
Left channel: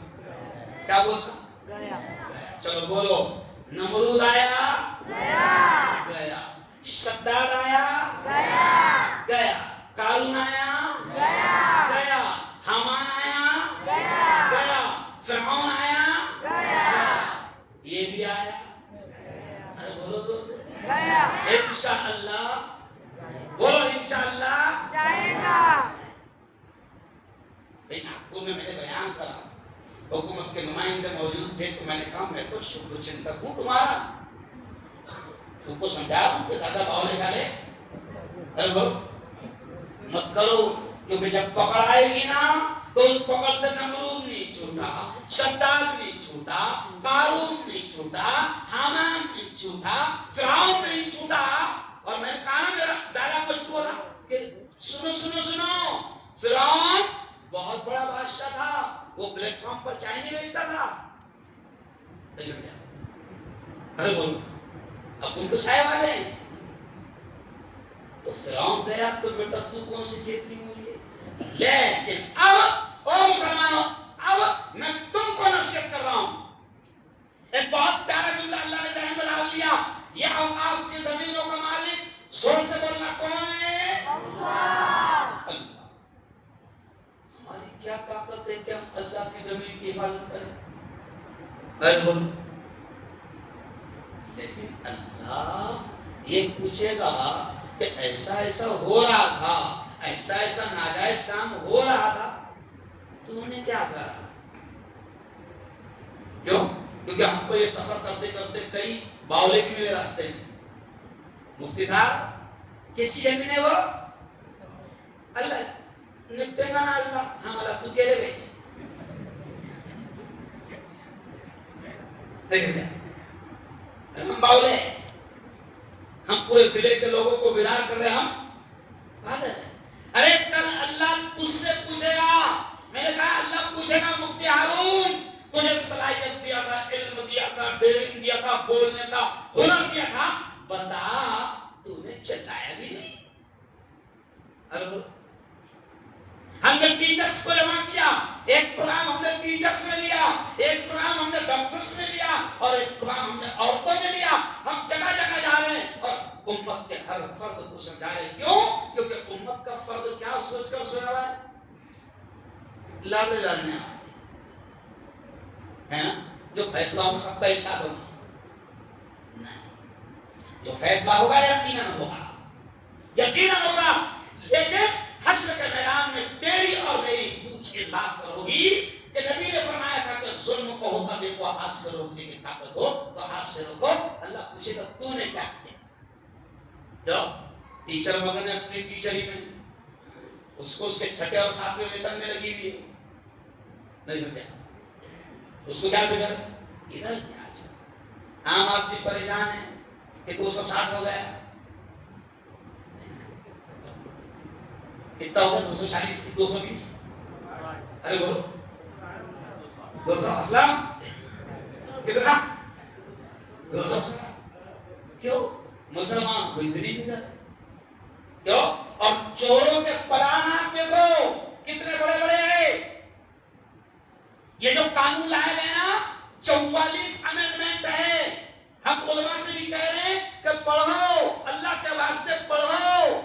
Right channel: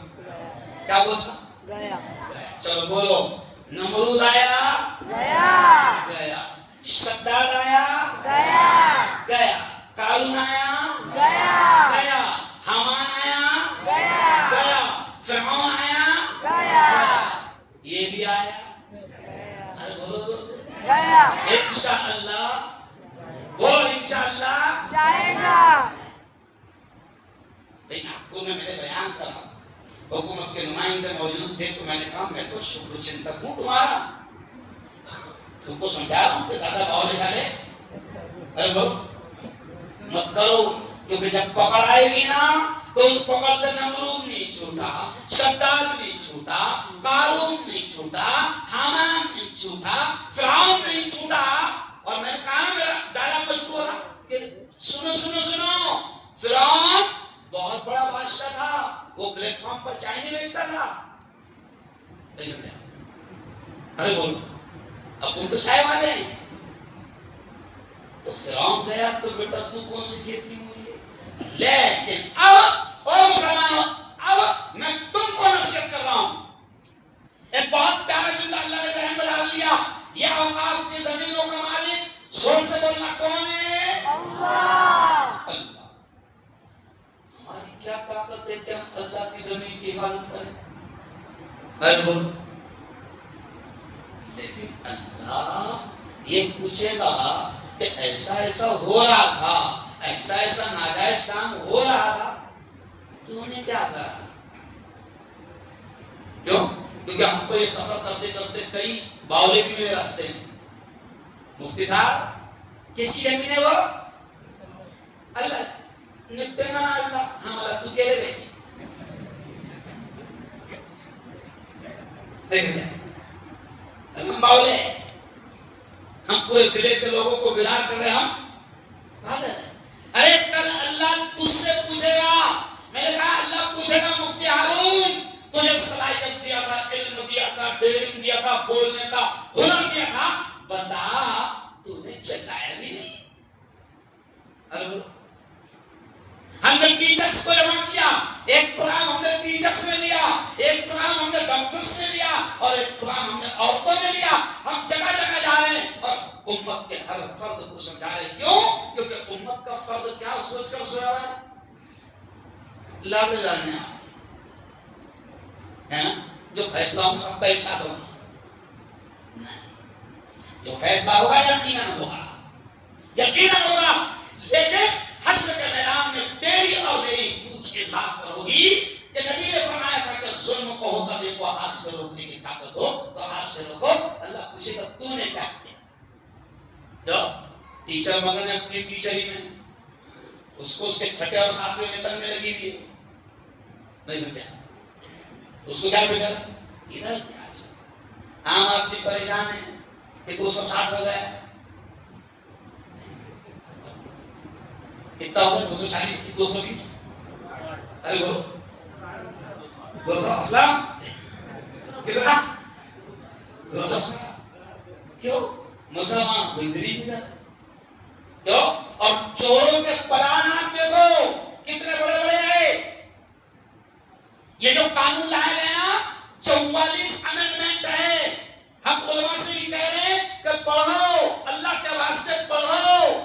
کیا بولنا، گیا، چلو بولو، نمرود آیا گیا، گیا، شداد آیا گیا، گیا، قارون آیا گیا، گیا، حامان آیا گیا، گیا، فرعون آیا گیا، یہ بھی آیا، ارے بولو زور سے، گیا، انشاءاللہ، بولو انشاءاللہ جائے گا، لیکن آپ کو میں نے بیان کرا، حکومت کے نمائندے موجود تھے تو میں نے کہا میں تو شکر چنتک ہوں تمہارا، تم کو سمجھا رہا ہوں کہ زیادہ باولے چالے ارے بولو مت کرو، کیونکہ جب پکڑ آئے گی نا تو اس پکڑ سے نمرود نہیں چھوٹا، شداد نہیں چھوٹا، قارون نہیں چھوٹا، حامان نہیں چھوٹا، فرعون نہیں چھوٹا، اور میں نے کہا میرا ڈائلاگ مشہور تھا کہ سنو سنو سنو، فرعون بہت بڑا بادشاہ تھا، وہ پلیٹ فارم پر چائے نہیں بیچتا تھا، نہیں سمجھا، ارے بولو اب تم تو چائے والے ہیں، تو فرعون گیا تو بیٹا تو کون سی کھیتی ہوئی ہے، لیکن اب او مسلمانوں اب میں تم کو نصیحت کر رہا ہوں، ایک بہت پیارا جملہ اللہ نے ذہن میں ڈال دیا، یہ اوقاف کی زمینوں کا مالک زور سے بولنا کون ہے؟ اللہ، اللہ، زمین کی حفاظت کرے. اے بولو. لیکن اللہ یہ پوچھے گا کہ ایسا ایسا ہو رہا تھا, ایسا ایسا ناجائز کام ہو رہا تھا, تو نے کیا کرا؟ کیوں؟ کیونکہ ہم کو یہ سفر کرتے کرتے کئی باولے بھی ملے راستے میں. مفتی صاحب کسی زمین ہے وہ اللہ نپے مانا اللہ ہم اللہ تو کہلے بیچ ہم باولے ہیں, ہم پورے ضلع کے لوگوں کو بیدار کر رہے ہیں, ہم بادل ہیں. ارے کل اللہ تجھ سے پوچھے گا. میں نے کہا اللہ پوچھے گا مفتی ہارون تجھے صلاحیت دیا تھا, علم دیا تھا, بیرنگ دیا تھا, بولنے کا ہنر دیا تھا, بتا تو نے چلایا بھی نہیں. ارے ہم نے ٹیچرز کو جمع کیا, ایک پروگرام ہم نے ٹیچرز میں لیا, ایک پروگرام ہم نے ڈاکٹرز میں لیا, اور ایک پروگرام ہم نے عورتوں میں لیا. ہم جگہ جگہ جا رہے ہیں اور امت کے ہر فرد کو سمجھا رہے ہیں. کیوں؟ کیونکہ امت کا فرد کیا سوچ کر سویا ہوا ہے, لاڑے لاڑنے ہے نا, جو فیصلہ ہم سب کا ایک ساتھ ہوگا نہیں, جو فیصلہ ہوگا یقیناً ہوگا, یقیناً ہوگا. لیکن حشر کے میدان میں تیری اور میری پوچھ اس بات پر ہوگی کہ نبی نے فرمایا تھا کہ ظلم کو ہوتا دیکھو ہاتھ سے روکنے کی طاقت ہو تو ہاتھ سے روکو. اللہ پوچھے گا تو نے کیا کیا. جو ٹیچر مگر نے اپنی ٹیچری میں اس کو اس کے چھٹے اور ساتویں ویتن میں لگی ہوئی ہے, نہیں سمجھا, اس کو کیا فکر ہے ادھر کیا. عام آدمی پریشان ہے کہ 260 ہو گیا, کتنا ہوگا 240 کی 220. ارے بولو 200 اسلام کتنا 200. کیوں مسلمان کوئی اتنی بھی کرے کیوں؟ اور چوروں کے پلانات دیکھو کتنے بڑے بڑے ہیں. یہ جو قانون لائے گئے نا 44 امینڈمنٹ ہے. ہم علماء سے بھی کہہ رہے ہیں کہ پڑھو, اللہ کے واسطے پڑھو.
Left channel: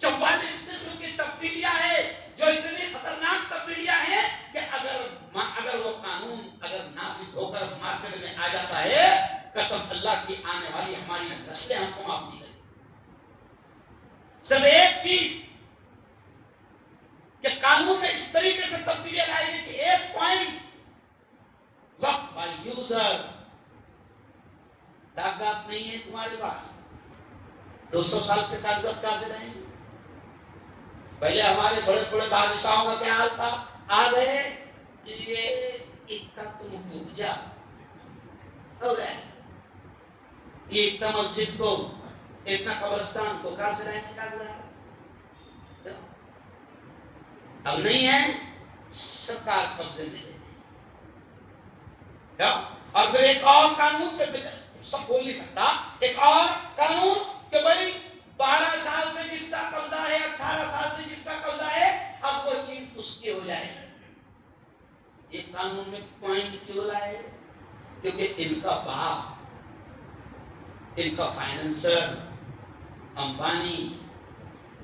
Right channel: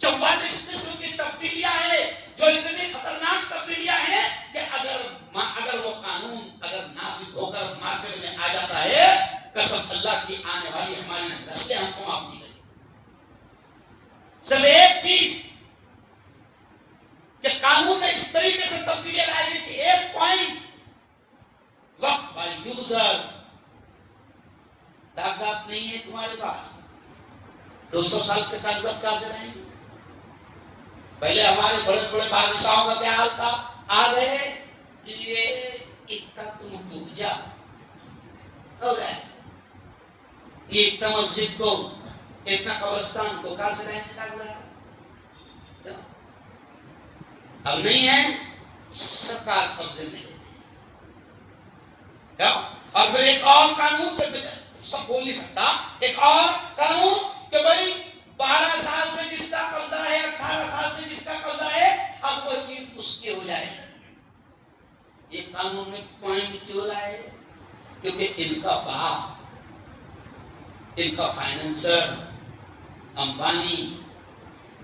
44 قسم کی تبدیلیاں ہیں جو اتنی خطرناک تبدیلیاں ہیں کہ اگر وہ قانون اگر نافذ ہو کر مارکیٹ میں آ جاتا ہے, قسم اللہ کی آنے والی ہماری نسلیں ہم کو معاف نہیں کریں. صرف ایک چیز کہ قانون میں اس طریقے سے تبدیلیاں لائی گئی کہ ایک پوائنٹ وقت بائی یوزر. کاغذات نہیں ہے تمہارے پاس, 200 سال کے کاغذات کہاں سے لائیں گے؟ پہلے ہمارے بڑے بڑے بادشاہوں کا کیا حال تھا, آ گئے یہ اتنا تم جا ہو گئے, یہ اتنا مسجد کو اتنا قبرستان کو کہاں سے لائیں گے کاغذات؟ اب نہیں ہے, سرکار قبضے میں لے لے. اور پھر ایک اور قانون سے سب بول نہیں سکتا, ایک اور قانون کہ بھائی 12 سال سے جس کا قبضہ ہے, 18 سال سے جس کا قبضہ ہے, اب وہ چیز اس کی ہو جائے. یہ قانون میں پوائنٹ کیوں لائے؟ کیونکہ ان کا باپ, ان کا فائنینسر امبانی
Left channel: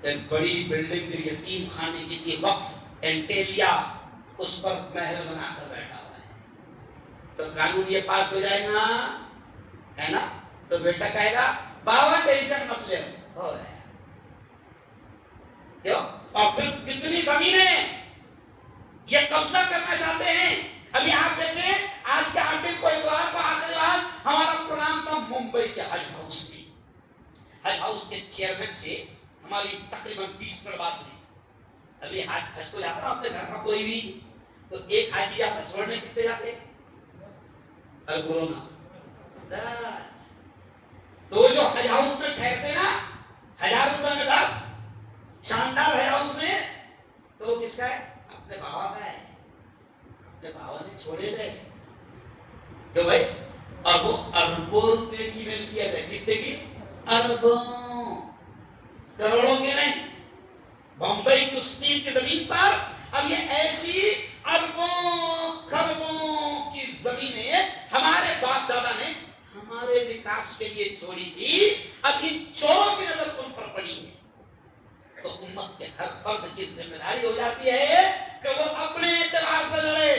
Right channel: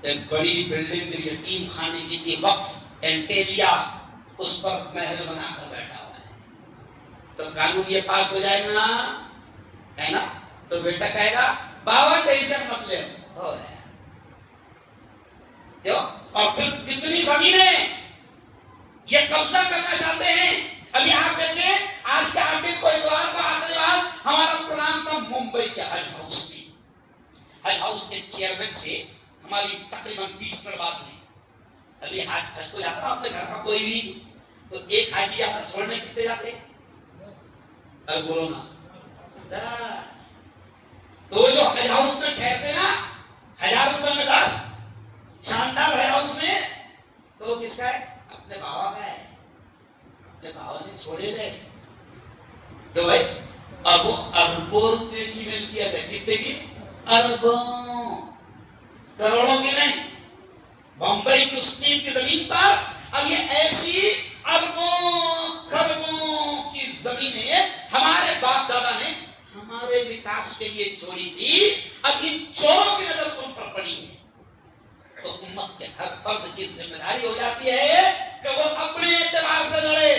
ایک بڑی بلڈنگ یتیم خانے کی تھی, وقف اینٹیلیا, اس پر محل بنا کر بیٹھا ہوا ہے. تو قانون یہ پاس ہو جائے نا, ہے نا, تو بیٹا کہے گا بابا ٹینشن مت لے, ہو گیا. کیوں؟ اور پھر کتنی زمینیں یہ قبضہ کرنا چاہتے ہیں. ابھی آپ دیکھیں آج کے آخر کو اتوار کو آخری بار ہمارا پروگرام تھا ممبئی کے حج ہاؤس میں. حج ہاؤس کے چیئرمین سے ہماری تقریباً 20 منٹ بات ہوئی. ابھی حج کو جاتا نا اپنے گھر کا کوئی بھی, تو ایک حاجی جاتا چھوڑنے کتنے جاتے؟ ارے بولو نا, 10. تو جو حج ہاؤس میں ٹھہرتے نا 1000 روپے میں 10 شاندار حج ہاؤس میں, تو وہ کس کا ہے؟ اپنے بابا کا ہے. اپنے بابا نے چھوڑے گئے کہ بھائی اربوں روپے کی ملکیت ہے. کتنے کی؟ اربوں, کروڑوں کی نہیں. بمبئی کی اس کی زمین پر اب یہ ایسی اربوں خربوں کی زمینیں ہمارے باپ دادا نے ہمارے وکاس کے لیے چھوڑی تھی. اب ان چوروں کی نظر ان پر پڑی ہے, تو امت کے ہر فرد کی ذمہ داری ہو جاتی ہے کہ کہ وہ اپنے اعتبار سے لڑے.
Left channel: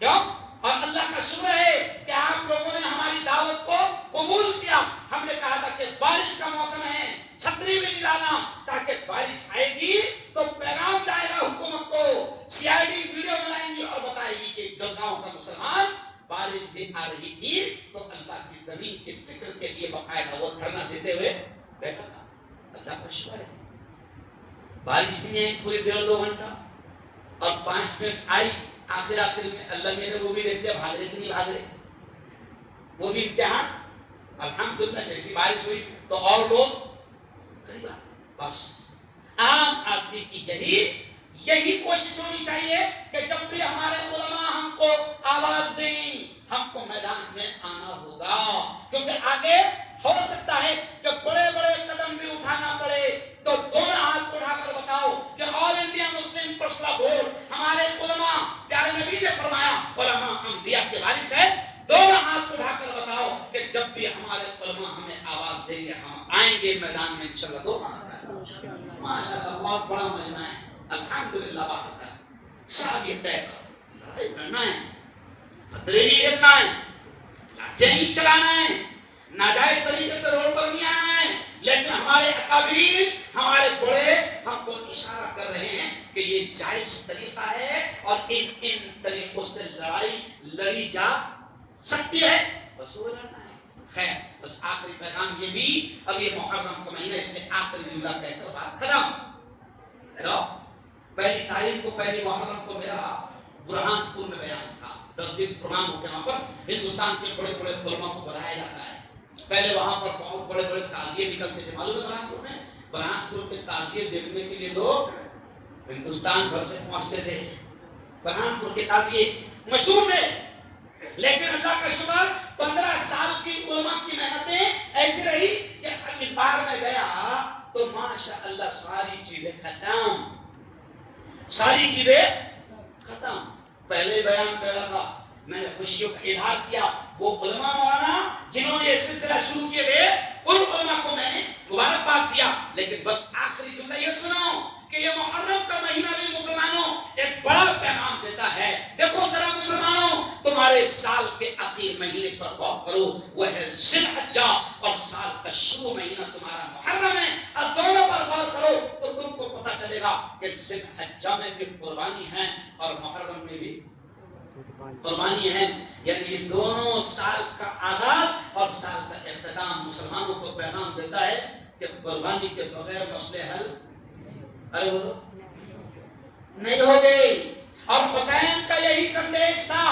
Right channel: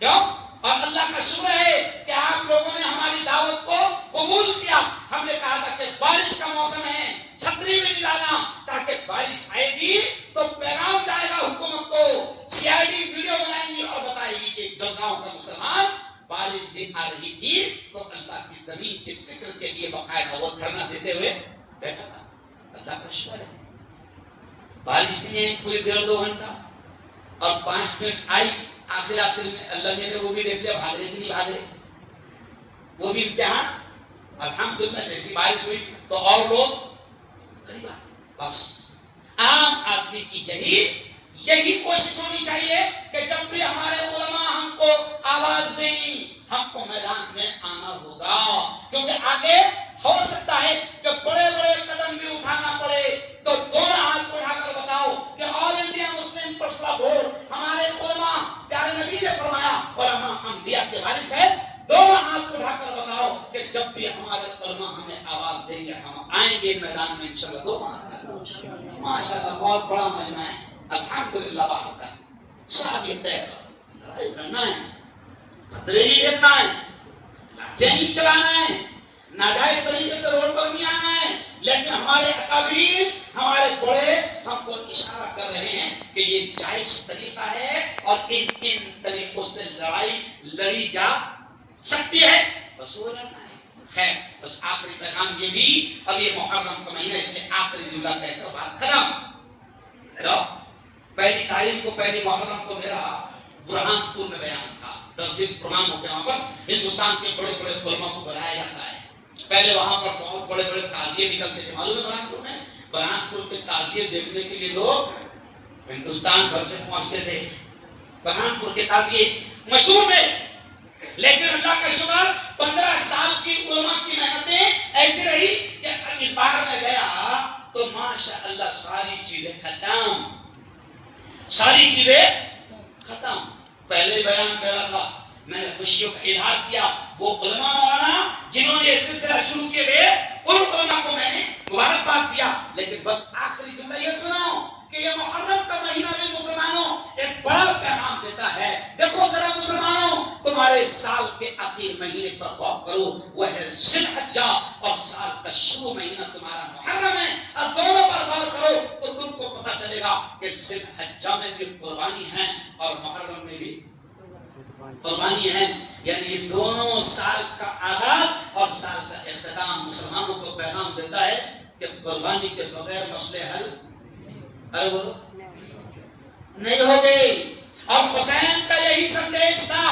کیوں؟ اور اللہ کا شکر ہے کہ آپ لوگوں نے ہماری دعوت کو قبول کیا. ہم نے کہا تھا کہ بارش کا موسم ہے, چھتری بھی لانا تاکہ بارش آئے گی تو پیغام جائے گا حکومت کو. سی آئی ڈی ویڈیو بنائیں گی اور بتائے گی کہ جلگاؤں کا مسلمان بارش بھی آ رہی تھی تو اللہ کی زمین کی فکر کے لیے باقاعدہ وہ دھرنا دیتے ہوئے بیٹھا تھا. اللہ کا شکر ہے بارش بھی نہیں پوری 1.5-2 گھنٹہ اور 5 منٹ آئی. آخر میں اللہ نے وہ بھی دیکھ لیا بھاگ رہے کہ نہیں بھاگ رہے, وہ بھی امتحان. الحمدللہ جیسی بارش ہوئی تو اور لوگ قریب آ گئے. بس عام آدمی کی یہی کوشش ہونی چاہیے کہ جب بھی ہمارے علماء ہم کو آواز دیں ہم کو میدان میں آنا ہوگا, کیونکہ آگے ہو سکتا ہے کہ بڑے بڑے قدم بھی اٹھانا پڑے. تو دونوں ہاتھ اٹھا کر بتاؤ کہ آل انڈیا مسلم پرسنل بورڈ ہمارے علماء, پیارے نبی نے فرمایا علماء انبیاء کے وارث ہے. دونوں ہاتھ اٹھا کر بتاؤ کہ جب بھی ہمارے علماء ہمیں آواز دیں گے ہم آئیں گے میدان میں انشاءاللہ. دو ماشاءاللہ بہت بڑا مجمع ہے الحمدللہ. باہر کا شاید یہ طے کرو لڑائی کرنا ہے, پتھرے نہیں دینا ہے, لاٹھیں نہیں چلانا ہے, ناجائز طریقے سے روڈ پر نہیں آنا ہے. لیکن ہمارے اکابرین ہمارے بڑے ہم کو اشارہ کر رہے ہیں کہ یہ جائز طریقہ ہے اور ان طریقوں سے لڑائی لڑی جا سکتی ہے. بس وہ لڑنا ہے. خیر بس آخری پیغام یہ بھی, اب یہ محرم کا مہینہ اس میں آخری جملہ کہہ کر بات ختم. پہلی تاریخ کو پہلی محرم کو میرا برہان پور میں بیان تھا. 10 دن پروگرام ہوتے ہیں, وہاں پر ہندوستان کے بڑے بڑے علماء کو بلایا جاتا ہے. پہلے وہاں پر بہت بڑے بڑے تعزیے نکلتے تھے. معلوم ہے برہان پور میں, برہان پور کے تعزیے دیکھنے کے لیے لوگ ہندوستان بھر سے پہنچتے تھے. برہان پور کے تعزیے مشہور تھے. لیکن اللہ کا شکر 15 سال کی علماء کی محنتیں ایسی رہی کہ اس بار میں گیا تو ماشاء اللہ ساری چیزیں ختم. پہلے بیان پہلا تھا, میں نے خوشیوں کا اظہار کیا. وہ علماء مولانا جنہوں نے یہ سلسلہ شروع کیے تھے ان علماء کو میں نے مبارکباد دیا. لیکن بس آخری جملہ یہ سنو کہ یہ محرم کا مہینہ بھی مسلمانوں ایک بڑا پیغام دیتا ہے. دیکھو ذرا مسلمانوں, تمہارے سال کے آخر مہینے پر غور کرو, وہ ہے ذی الحجہ, اور سال کا شروع مہینہ تمہارا محرم ہے. اب دونوں پر غور کرو تو تم کو پتہ چلے گا کہ ذی الحجہ میں بھی قربانی ہے اور محرم میں بھی قربانی ہے. یعنی یہ دونوں سال کا آغاز اور سال کا اختتام مسلمانوں کو پیغام دیتا ہے کہ قربانی کے بغیر مسئلے حل نہیں ہو گئے. اور حسین کا یہی سندیش تھا,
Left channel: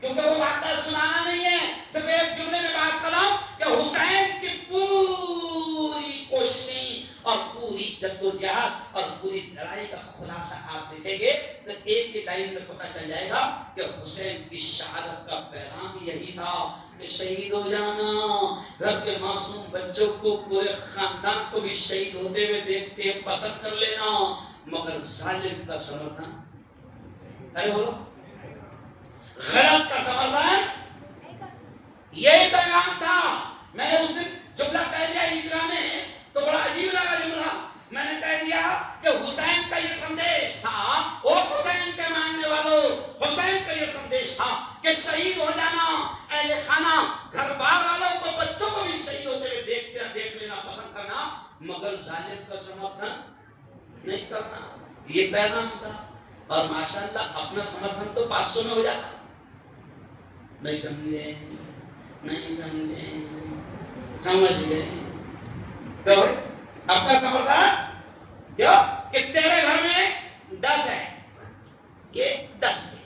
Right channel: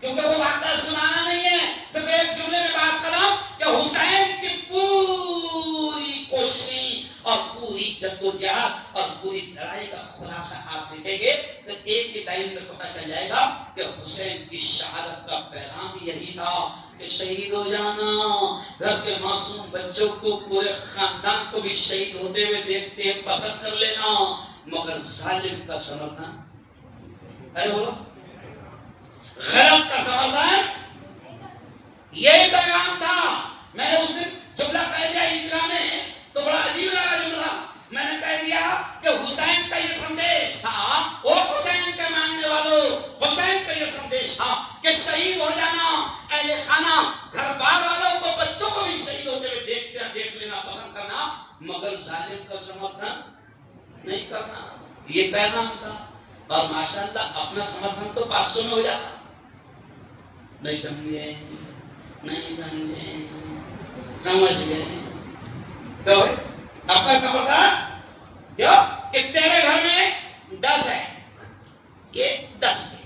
کیونکہ وہ واقعہ سنانا نہیں ہے, صرف ایک جملے میں بات ختم کہ حسین کی پوری کوششیں اور پوری جدوجہد اور پوری لڑائی کا خلاصہ آپ دیکھیں گے تو ایک ہی لائن میں پتہ چل جائے گا کہ حسین کی شہادت کا پیغام یہی تھا کہ شہید ہو جانا, گھر کے معصوم بچوں کو پورے خاندان کو بھی شہید ہوتے ہوئے دیکھتے پسند کر لینا, مگر ظالم کا سمرتھن, ارے بولو غلط کا سمرتھن, یہی پیغام تھا. میں نے اس دن جملہ کہہ دیا عیدگاہ میں تو بڑا عجیب لگا جملہ. میں نے کہہ دیا کہ حسین کا یہ سندیش تھا, او حسین کے ماننے والوں, حسین کا یہ سندیش تھا کہ شہید ہو جانا, اہل خانہ گھر بار والوں کو بچوں کو بھی شہید ہوتے ہوئے دیکھ لینا پسند کرنا, مگر ظالم کا سمرتھن نہیں کرنا. یہ پیغام تھا. اور ماشاءاللہ اپنا سمرتھن تو 500 میں ہو جاتا. نہیں سمجھے, سمجھ گئے تو اپنا سمرتھن کیوں کہ تیرے گھر میں 10 ہے, یہ 10 ہے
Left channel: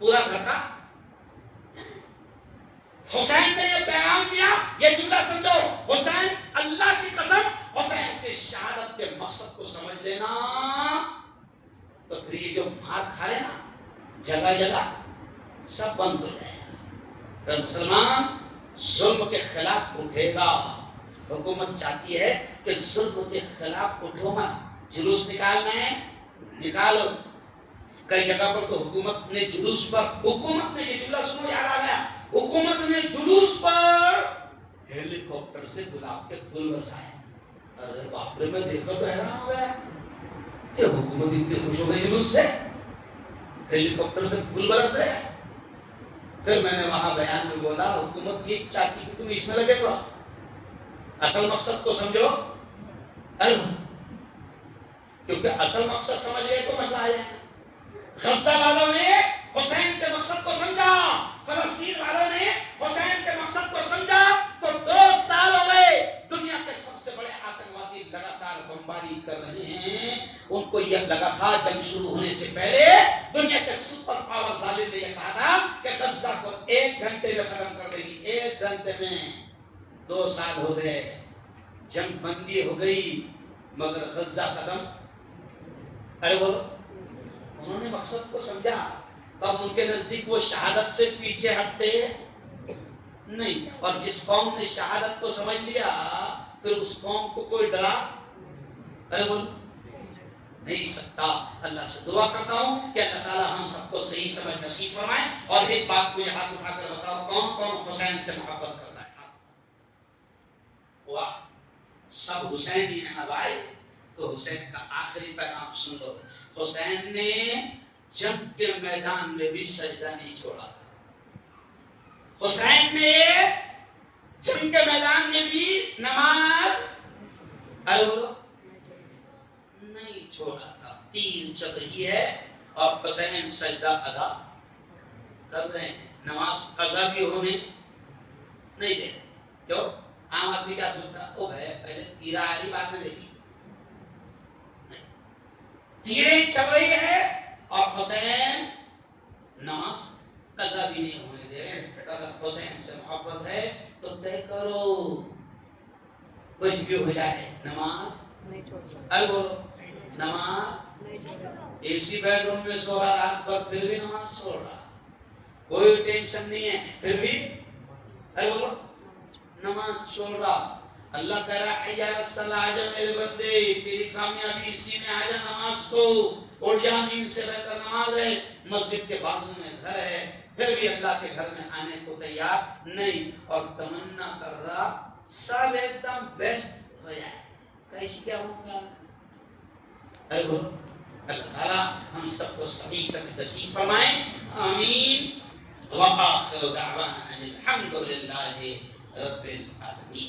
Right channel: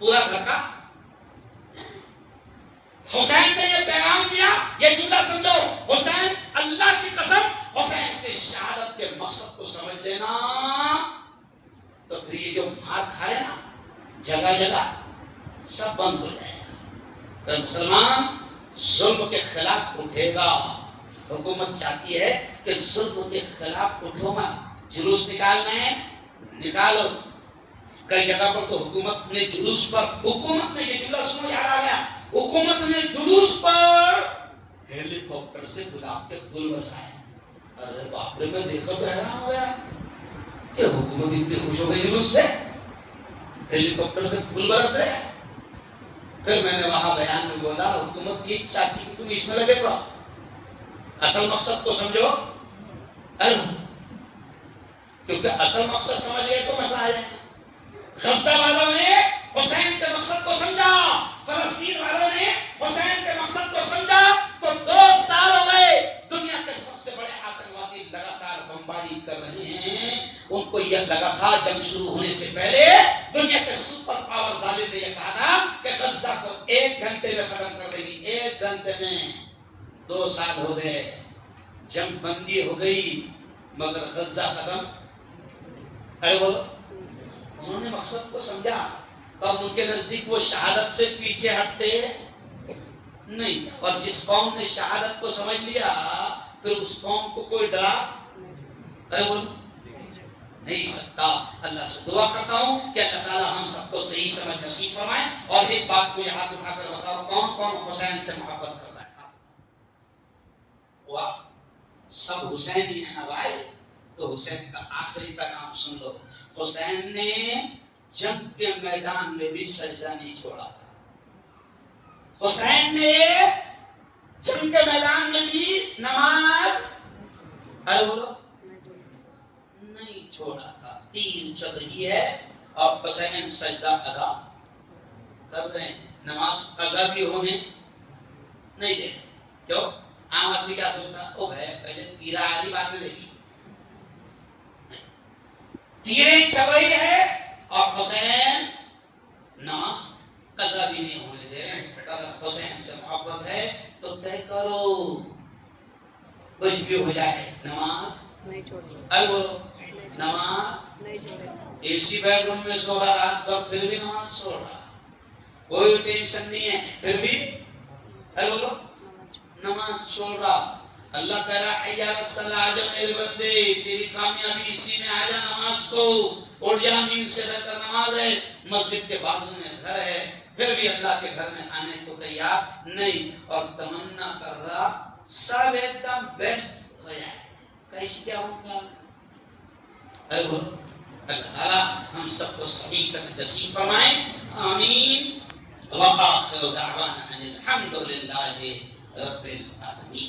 پورا گھر کا. حسین نے یہ پیغام دیا, یہ جملہ سمجھو, حسین اللہ کی قسم حسین کی شہادت کے مقصد کو سمجھ لینا تو پھر یہ جو مار کھا رہے نا جگہ جگہ سب بند ہو جائے گا. تو مسلمان ظلم کے خلاف اٹھے گا. حکومت چاہتی ہے کہ ظلم کے خلاف اٹھو مت, جلوس نکالنا ہے نکالو. کئی جگہ پر تو حکومت نے جلوس پر, حکومت نے, یہ جملہ سنو یاد آ گیا, حکومت نے جلوس پر ہیلی کاپٹر سے گلاب کے پھول برسائے. ارے باپ رے, میں دیکھا تو حیران ہو گیا کہ حکومت اتنی خوش ہو گئی جلوس سے. ہیلی کاپٹر سے پھول برس رہے. پھر میں نے وہاں بیان میں بولا حکومت یہ چاہتی کہ تم اس میں لگے رہو, اصل مقصد کو سمجھو. ارے کیونکہ اصل مقصد سمجھ گئے تو مسئلہ آ جائے گا. غزہ والوں نے حسین کے مقصد کو سمجھا, فلسطین والوں نے حسین کے مقصد کو سمجھا, تو 2 سال ہو گئے دنیا کے سب سے بڑے آتنکوادی لگاتار بمباری کر رہے ہیں. ان کو یہ لگا تھا جنگ شروع ہونے سے پہلے دنیا کے سپر پاور ظالم نے یہ کہا تھا کہ غزہ کو 1 گھنٹے میں ختم کر دے گی. 1 گھنٹے میں 2 سال ہو گئے, جنگ بندی ہو گئی مگر غزہ ختم. ارے وہ انہوں نے مقصد کو سمجھا. تب ان کے نزدیک وہ شہادت سے پیچھے ہٹتے نہیں. اور جس قوم نے شہادت کو سمجھ لیا پھر اس قوم کو کوئی ڈرا ارے وہ نہیں سکتا. اللہ سے دعا کرتا ہوں کہ اللہ تعالیٰ ہم سب کو صحیح سمجھ نصیب فرمائے. اور ایک بات کو ہاتھ اٹھا کر بتاؤ, کون کون حسین سے محبت کرتا ہے؟ واہ, سب حسین ہی ہیں نا بھائی. تو حسین کا آخری پیغام سن لو. حسین نے جنگ کے میدان میں بھی سجدہ نہیں چھوڑا تھا. حسین نے جنگ کے میدان میں بھی نماز ارے بولو نہیں چھوڑا تھا. تیر چل رہی ہے اور حسین سجدہ ادا کر رہے ہیں. نماز قضا بھی ہونے نہیں دے رہے. کیوں؟ عام آدمی کیا سوچتا ہے, او بھائی پہلے تیرا آدھی بعد میں دیکھی. تیریں چل رہی ہے اور حسین نماز قضا بھی نہیں ہونے دے رہے. اگر حسین سے محبت ہے تو طے کرو, کچھ بھی ہو جائے نماز نہیں چھوڑ. ارے بولو نماز نہیں چھوڑ. اسی بیڈ روم میں سو رہا رات بھر پھر بھی نماز چھوڑ رہا, کوئی ٹینشن نہیں ہے پھر بھی ارے بولو نماز چھوڑ رہا. اللہ کہہ رہا ہے یا رسول آجا میرے بندے, تیری کامیابی اسی میں آجا. نماز کو اٹھ جا, نیند سے رہ کر نماز ہے, مسجد کے بازو میں گھر ہے, پھر بھی اللہ کے گھر میں آنے کو تیار نہیں. اور تمنا کر رہا سب ایک دم بیسٹ ہو جائے, کیسے کیا ہوگا. ارے بولو اللہ تعالیٰ ہم سب کو صحیح سمجھ نصیب فرمائیں. آمین. وآخر دعوانا ان الحمد للہ رب العالمین.